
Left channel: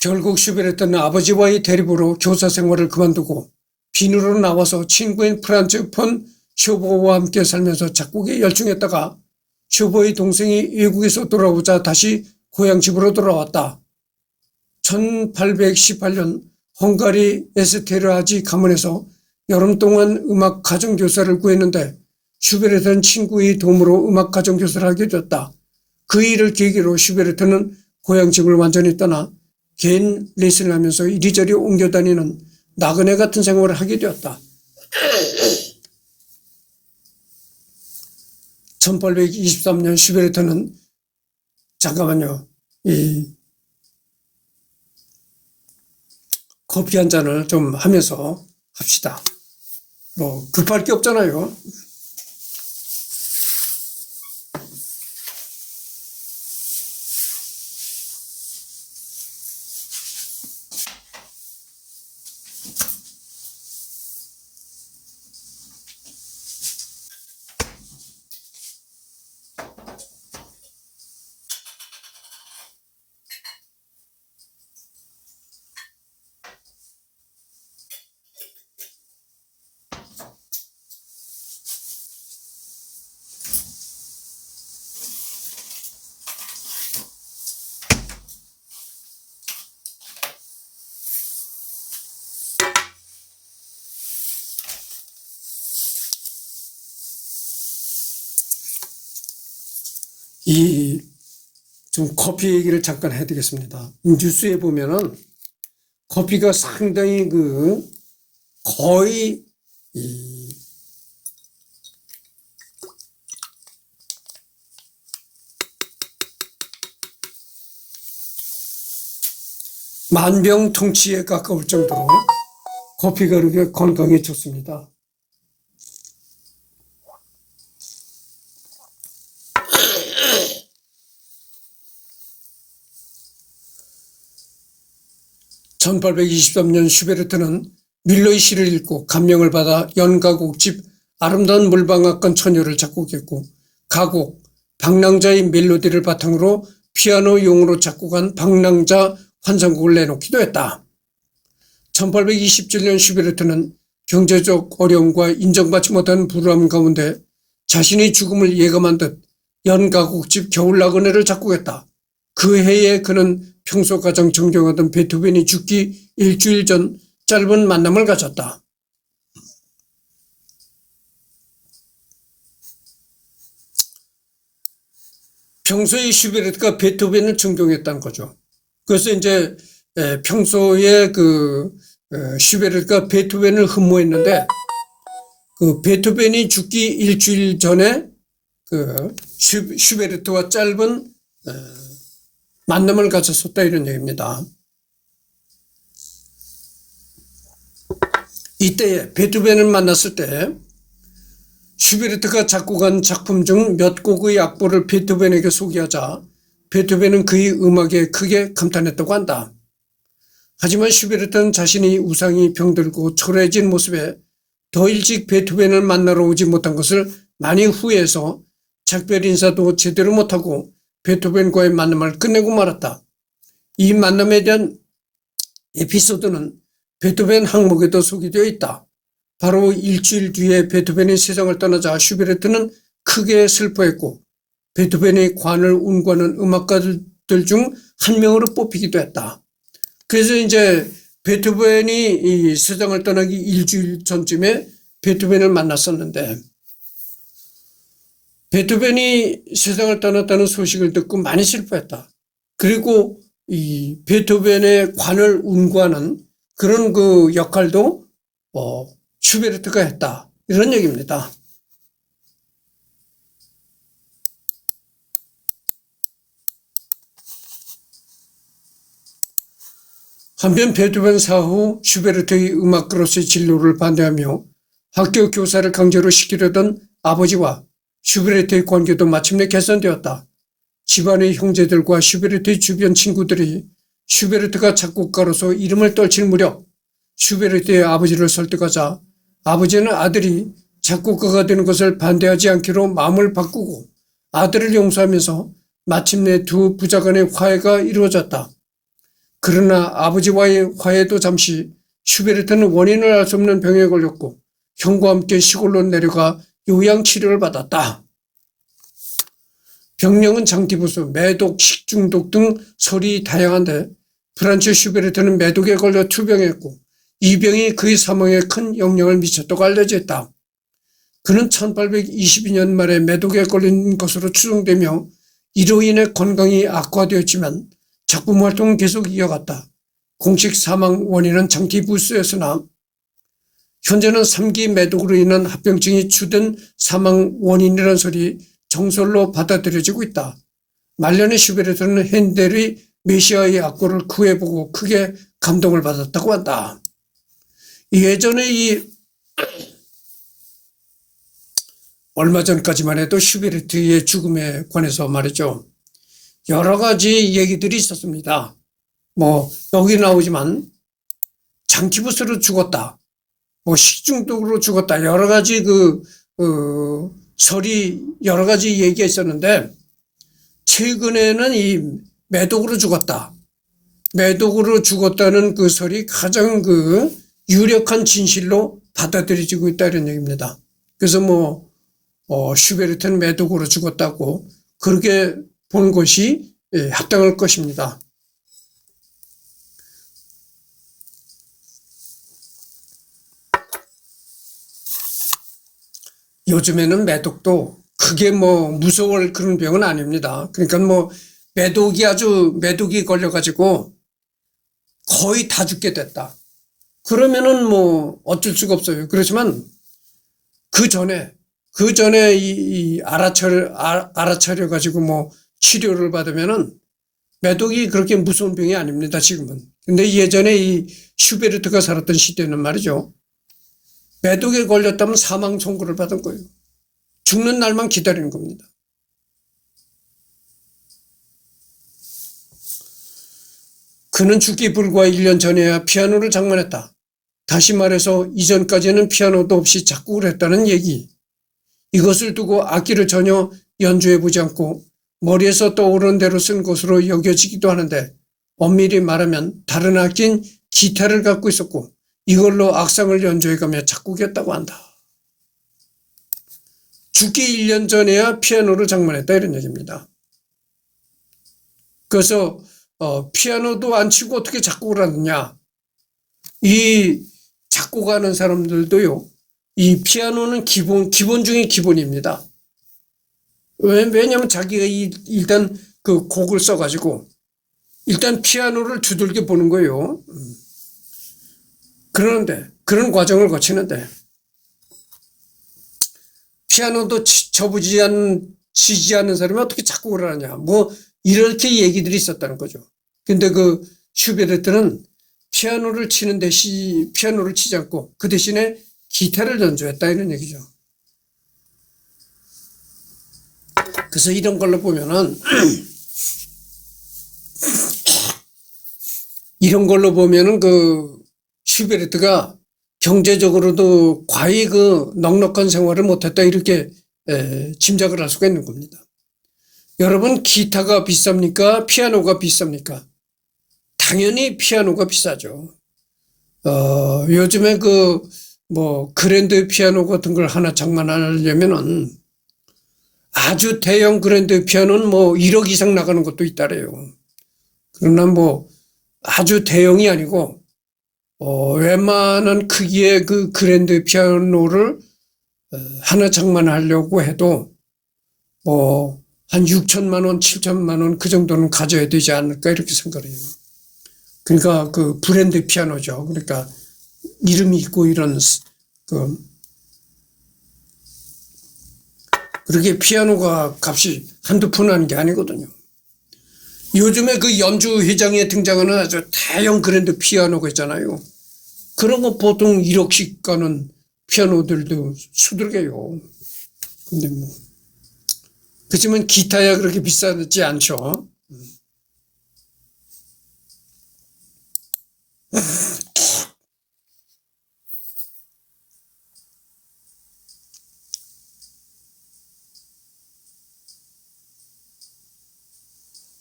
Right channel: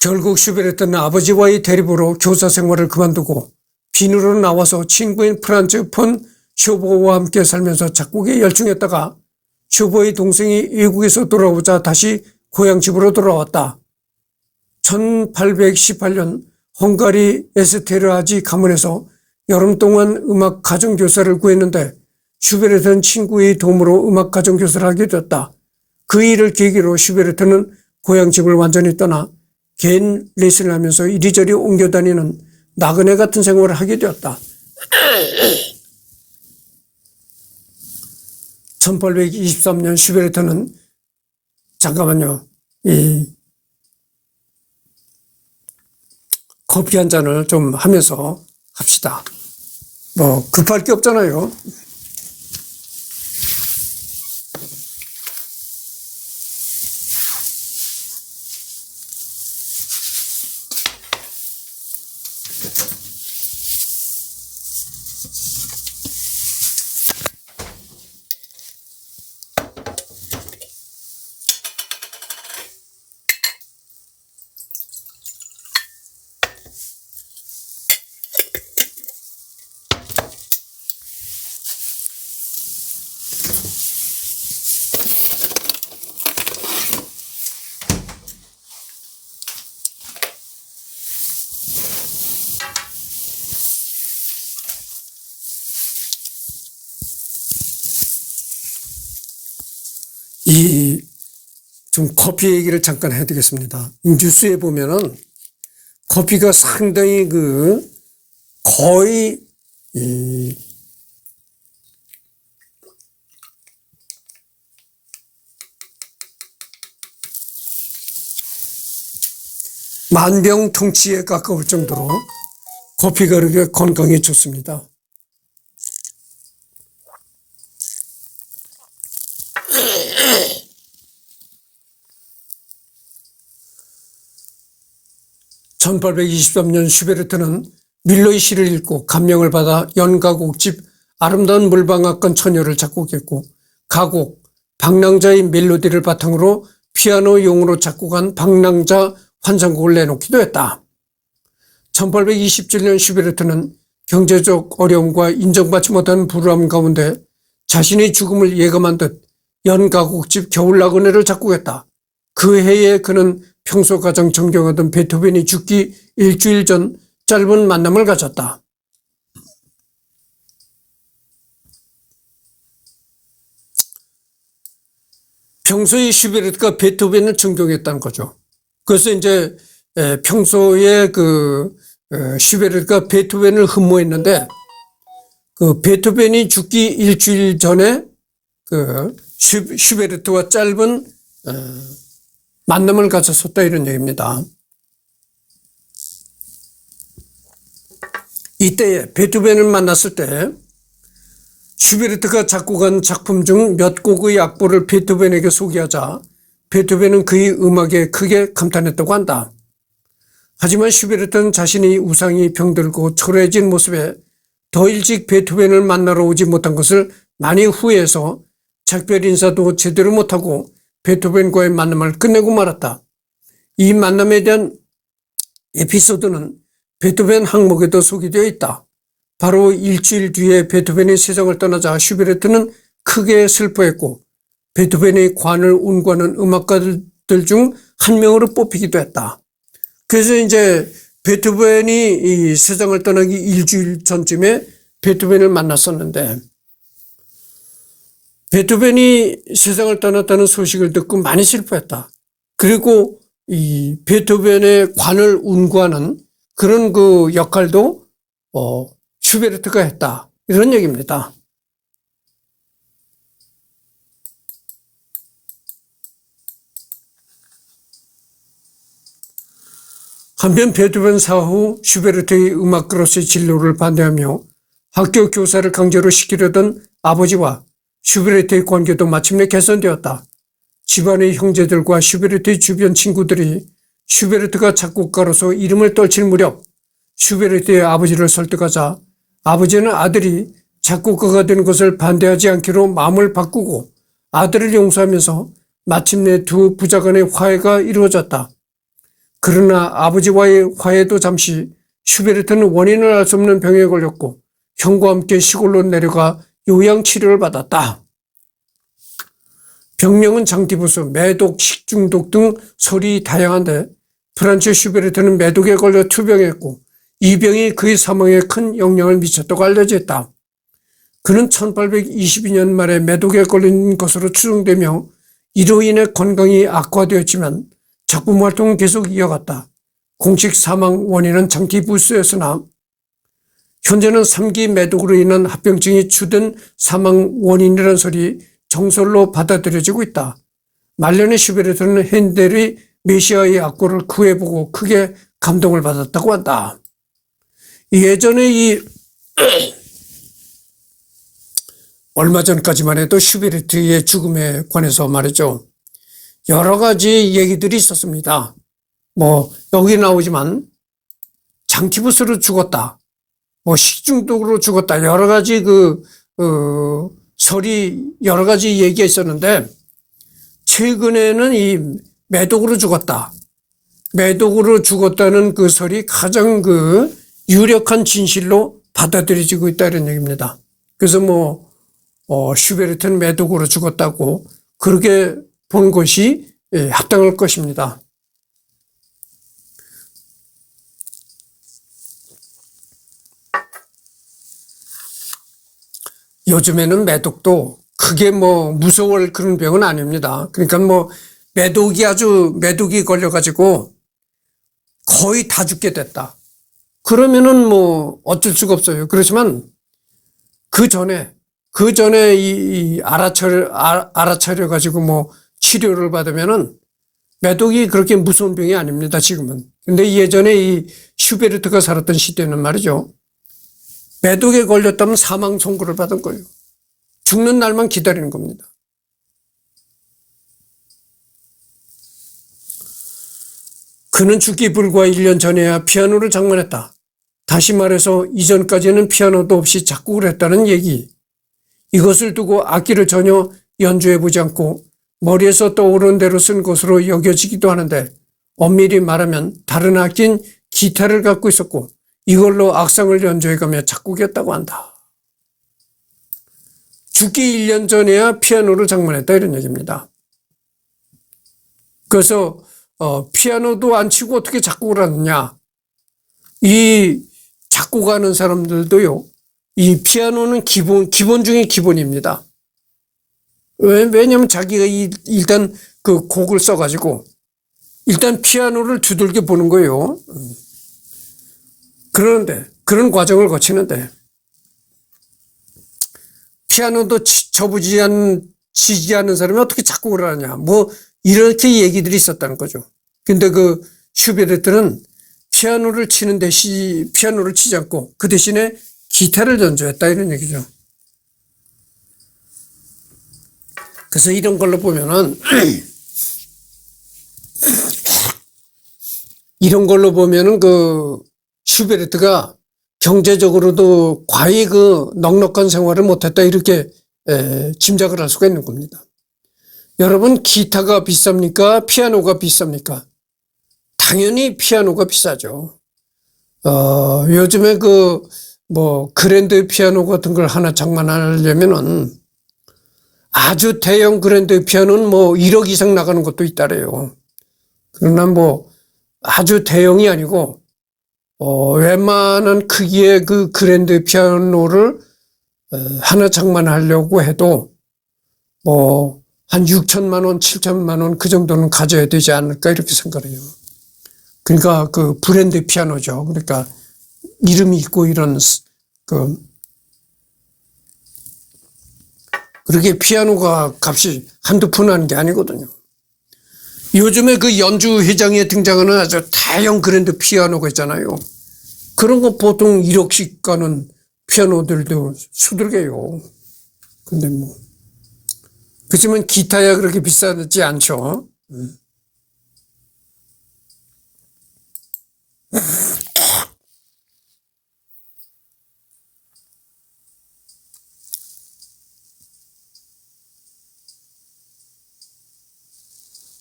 결국 슈베르트는 아버지와의 대립으로 교사 생활을 그만두고 빈으로 나와서 친구인 프란츠 폰 쇼보와 함께 살면서 작곡에 열중했다가 쇼보의 동생이 외국에서 돌아오자 다시 고향 집으로 돌아왔다. 1818년 헝가리 에스테르하지 가문에서 여름 동안 음악 가정교사를 구했는데 슈베르트는 친구의 도움으로 음악 가정교사를 하게 되었다. 그 일을 계기로 슈베르트는 고향 집을 완전히 떠나 개인 레슨을 하면서 이리저리 옮겨다니는 나그네 같은 생활을 하게 되었다. 1823년 슈베르트는 잠깐만요. 이 커피 한 잔을 좀 하면서 합시다. 급할 게 없잖아요. 좀 커피 얘기를 잠깐 해드리겠습니다. 뉴스에 보면은 커피가 상당히 거의 만병통치에 가까울 정도로 커피가 그렇게 건강에 좋습니다. 1823년 슈베르트는 밀러의 시를 읽고 감명을 받아 연가곡집 아름다운 물방앗간 처녀를 작곡했고 가곡 방랑자의 멜로디를 바탕으로 피아노용으로 작곡한 방랑자 환상곡을 내놓기도 했다. 1827년 슈베르트는 경제적 어려움과 인정받지 못한 불우함 가운데 자신의 죽음을 예감한 듯 연가곡집 겨울나그네를 작곡했다. 그 해에 그는 평소 가장 존경하던 베토벤이 죽기 일주일 전 짧은 만남을 가졌다. 평소에 슈베르트가 베토벤을 존경했다는 거죠. 그래서 이제 평소에 슈베르트가 베토벤을 흠모했는데 그 베토벤이 죽기 일주일 전에 그 슈베르트와 짧은 만남을 가졌었다 이런 얘기입니다. 이때 베토벤을 만났을 때 슈베르트가 작곡한 작품 중 몇 곡의 악보를 베토벤에게 소개하자 베토벤은 그의 음악에 크게 감탄했다고 한다. 하지만 슈베르트는 자신의 우상이 병들고 초라해진 모습에 더 일찍 베토벤을 만나러 오지 못한 것을 많이 후회해서 작별 인사도 제대로 못하고 베토벤과의 만남을 끝내고 말았다. 이 만남에 대한 에피소드는 베토벤 항목에도 소개되어 있다. 바로 일주일 뒤에 베토벤이 세상을 떠나자 슈베르트는 크게 슬퍼했고 베토벤의 관을 운구하는 음악가들 중 한 명으로 뽑히기도 했다. 그래서 이제 베토벤이 이 세상을 떠나기 일주일 전쯤에 베토벤을 만났었는데 베토벤이 세상을 떠났다는 소식을 듣고 많이 슬퍼했다. 그리고 이 베토벤의 관을 운구하는 그런 그 역할도 슈베르트가 했다. 이런 얘기입니다. 한편 베토벤 사후 슈베르트의 음악가로서의 진로를 반대하며 학교 교사를 강제로 시키려던 아버지와 슈베르트의 관계도 마침내 개선되었다. 집안의 형제들과 슈베르트의 주변 친구들이 슈베르트가 작곡가로서 이름을 떨칠 무렵 슈베르트의 아버지를 설득하자 아버지는 아들이 작곡가가 되는 것을 반대하지 않기로 마음을 바꾸고 아들을 용서하면서 마침내 두 부자 간의 화해가 이루어졌다. 그러나 아버지와의 화해도 잠시 슈베르트는 원인을 알 수 없는 병에 걸렸고 형과 함께 시골로 내려가 요양치료를 받았다. 병명은 장티푸스, 매독, 식중독 등 설이 다양한데 프란츠 슈베르트는 매독에 걸려 투병했고 이 병이 그의 사망에 큰 영향을 미쳤다고 알려져 있다. 그는 1822년 말에 매독에 걸린 것으로 추정되며 이로 인해 건강이 악화되었지만 작품 활동은 계속 이어갔다. 공식 사망 원인은 장티푸스였으나 현재는 3기 매독으로 인한 합병증이 주된 사망 원인이라는 설이 정설로 받아들여지고 있다. 말년에 슈베르트는 핸델의 메시아의 악보를 구해보고 크게 감동을 받았다고 한다. 예전에 얼마 전까지만 해도 슈베르트의 죽음에 관해서 말이죠. 여러 가지 얘기들이 있었습니다. 여기 나오지만 장티푸스로 죽었다. 식중독으로 죽었다. 여러 가지 설이 여러 가지 얘기가 있었는데 최근에는 이 매독으로 죽었다. 매독으로 죽었다는 그 설이 가장 유력한 진실로 받아들여지고 있다 이런 얘기입니다. 그래서 슈베르트는 매독으로 죽었다고 그렇게 본 것이 합당할 것입니다. 요즘에는 매독도 크게 무서울 그런 병은 아닙니다. 그러니까 매독이 걸려가지고 거의 다 죽게 됐다. 그러면은 어쩔 수가 없어요. 그렇지만 그 전에 알아차려가지고 치료를 받으면은 매독이 그렇게 무서운 병이 아닙니다. 지금은. 근데 예전에 이 슈베르트가 살았던 시대는 말이죠. 매독에 걸렸다면 사망 선고를 받은 거예요. 죽는 날만 기다리는 겁니다. 그는 죽기 불과 1년 전에야 피아노를 장만했다. 다시 말해서 이전까지는 피아노도 없이 작곡을 했다는 얘기. 이것을 두고 악기를 전혀 연주해보지 않고 머리에서 떠오른 대로 쓴 것으로 여겨지기도 하는데 엄밀히 말하면 다른 악기인 기타를 갖고 있었고 이걸로 악상을 연주해가며 작곡했다고 한다. 죽기 1년 전에야 피아노를 장만했다 이런 얘기입니다. 그래서 피아노도 안 치고 어떻게 작곡을 하느냐. 이 작곡하는 사람들도요. 이 피아노는 기본 중에 기본입니다. 왜냐하면 자기가 일단 그 곡을 써가지고 일단 피아노를 두들겨 보는 거예요. 그런데 그런 과정을 거치는데 피아노도 치지 않는 사람이 어떻게 작곡을 하냐. 뭐 이렇게 얘기들이 있었다는 거죠. 근데 그 슈베르트는 피아노를 치는 대신 피아노를 치지 않고 그 대신에 기타를 연주했다 이런 얘기죠. 그래서 이런 걸로 보면은 그 슈베르트가 경제적으로도 과히 그 넉넉한 생활을 못했다 이렇게 짐작을 할 수가 있는 겁니다. 여러분 기타가 비쌉니까? 피아노가 비쌉니까? 당연히 피아노가 비싸죠. 요즘에 그랜드 피아노 같은 걸 하나 장만하려면은 아주 대형 그랜드 피아노는 1억 이상 나가는 것도 있다래요. 그러나 아주 대형이 아니고 웬만한 크기의 그 그랜드 피아노를 하나 장만하려고 해도 한 6천만 원, 7천만 원 그 정도는 가져야 되지 않을까 이렇게 생각해요. 그러니까 그 브랜드 피아노죠. 그러니까 이름이 있고 이런 그렇게 피아노가 값이 한두 푼 하는 게 아니거든요. 요즘에 그 연주 회장에 등장하는 아주 대형 그랜드 피아노가 있잖아요. 그런 거 보통 1억씩 가는 피아노들도 수두룩해요. 근데 그렇지만 기타야 그렇게 비싸지 않죠.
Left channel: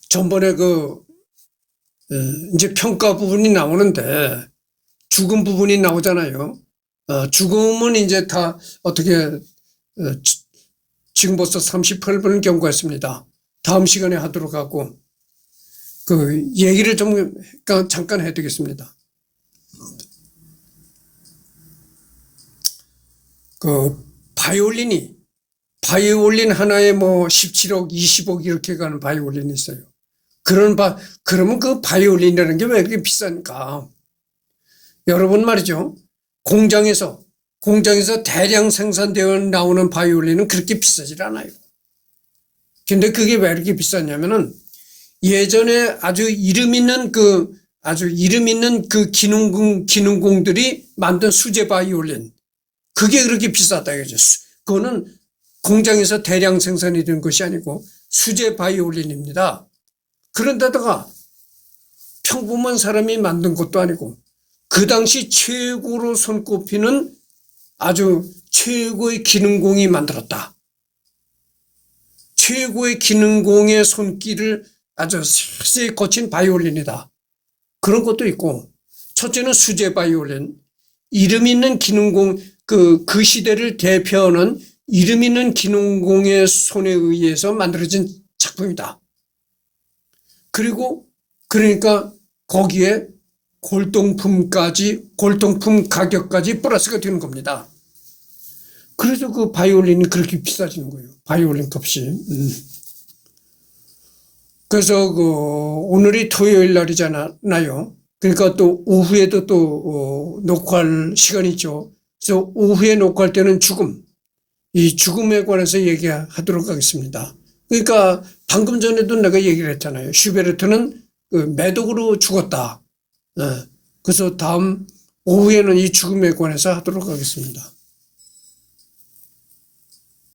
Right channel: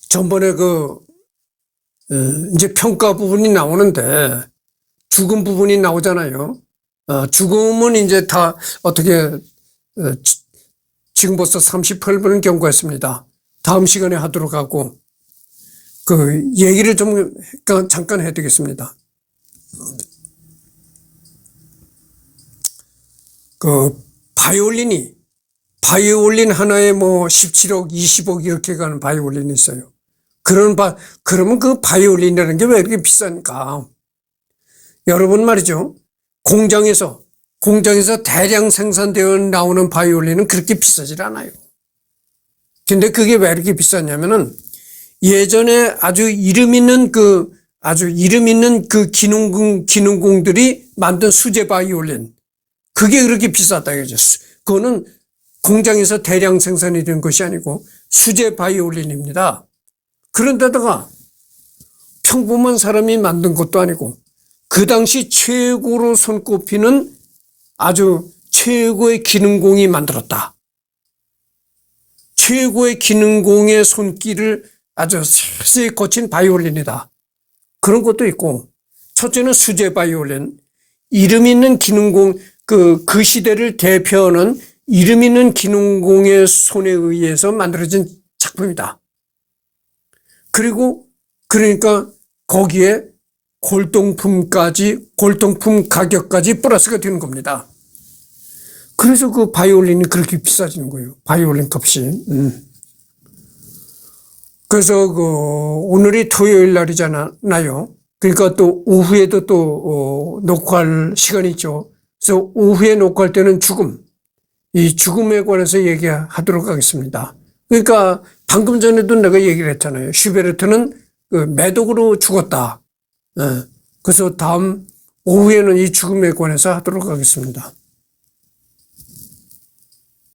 전번에 이제 평가 부분이 나오는데 죽음 부분이 나오잖아요. 죽음은 이제 다 어떻게 지금 벌써 38분을 경과했습니다. 다음 시간에 하도록 하고 그 얘기를 좀 잠깐 해드리겠습니다. 그 바이올린 하나에 17억, 20억 이렇게 가는 바이올린이 있어요. 그러면 그 바이올린이라는 게 왜 이렇게 비싸니까? 여러분 말이죠. 공장에서 대량 생산되어 나오는 바이올린은 그렇게 비싸질 않아요. 근데 그게 왜 이렇게 비쌌냐면은 예전에 아주 이름 있는 그 기능공들이 만든 수제 바이올린. 그게 그렇게 비쌌다 이거죠. 그거는 공장에서 대량 생산이 된 것이 아니고 수제 바이올린입니다. 그런데다가 평범한 사람이 만든 것도 아니고 그 당시 최고로 손꼽히는 아주 최고의 기능공이 만들었다. 최고의 기능공의 손길을 아주 세세히 거친 바이올린이다. 그런 것도 있고 첫째는 수제 바이올린. 이름 있는 기능공 그 시대를 대표하는 이름 있는 기능공의 손에 의해서 만들어진 작품이다. 그러니까 거기에 골동품 가격까지 플러스가 되는 겁니다. 그래서 그 바이올린이 그렇게 비싸지는 거예요. 바이올린 값이. 그래서 오늘이 토요일 날이잖아요. 그러니까 또 오후에도 또 녹화할 시간이 있죠. 그래서 오후에 녹화할 때는 이 죽음에 관해서 얘기하도록 하겠습니다. 그러니까 방금 전에도 내가 얘기를 했잖아요. 슈베르트는 그 매독으로 죽었다. 그래서 다음 오후에는 이 죽음에 관해서 하도록 하겠습니다.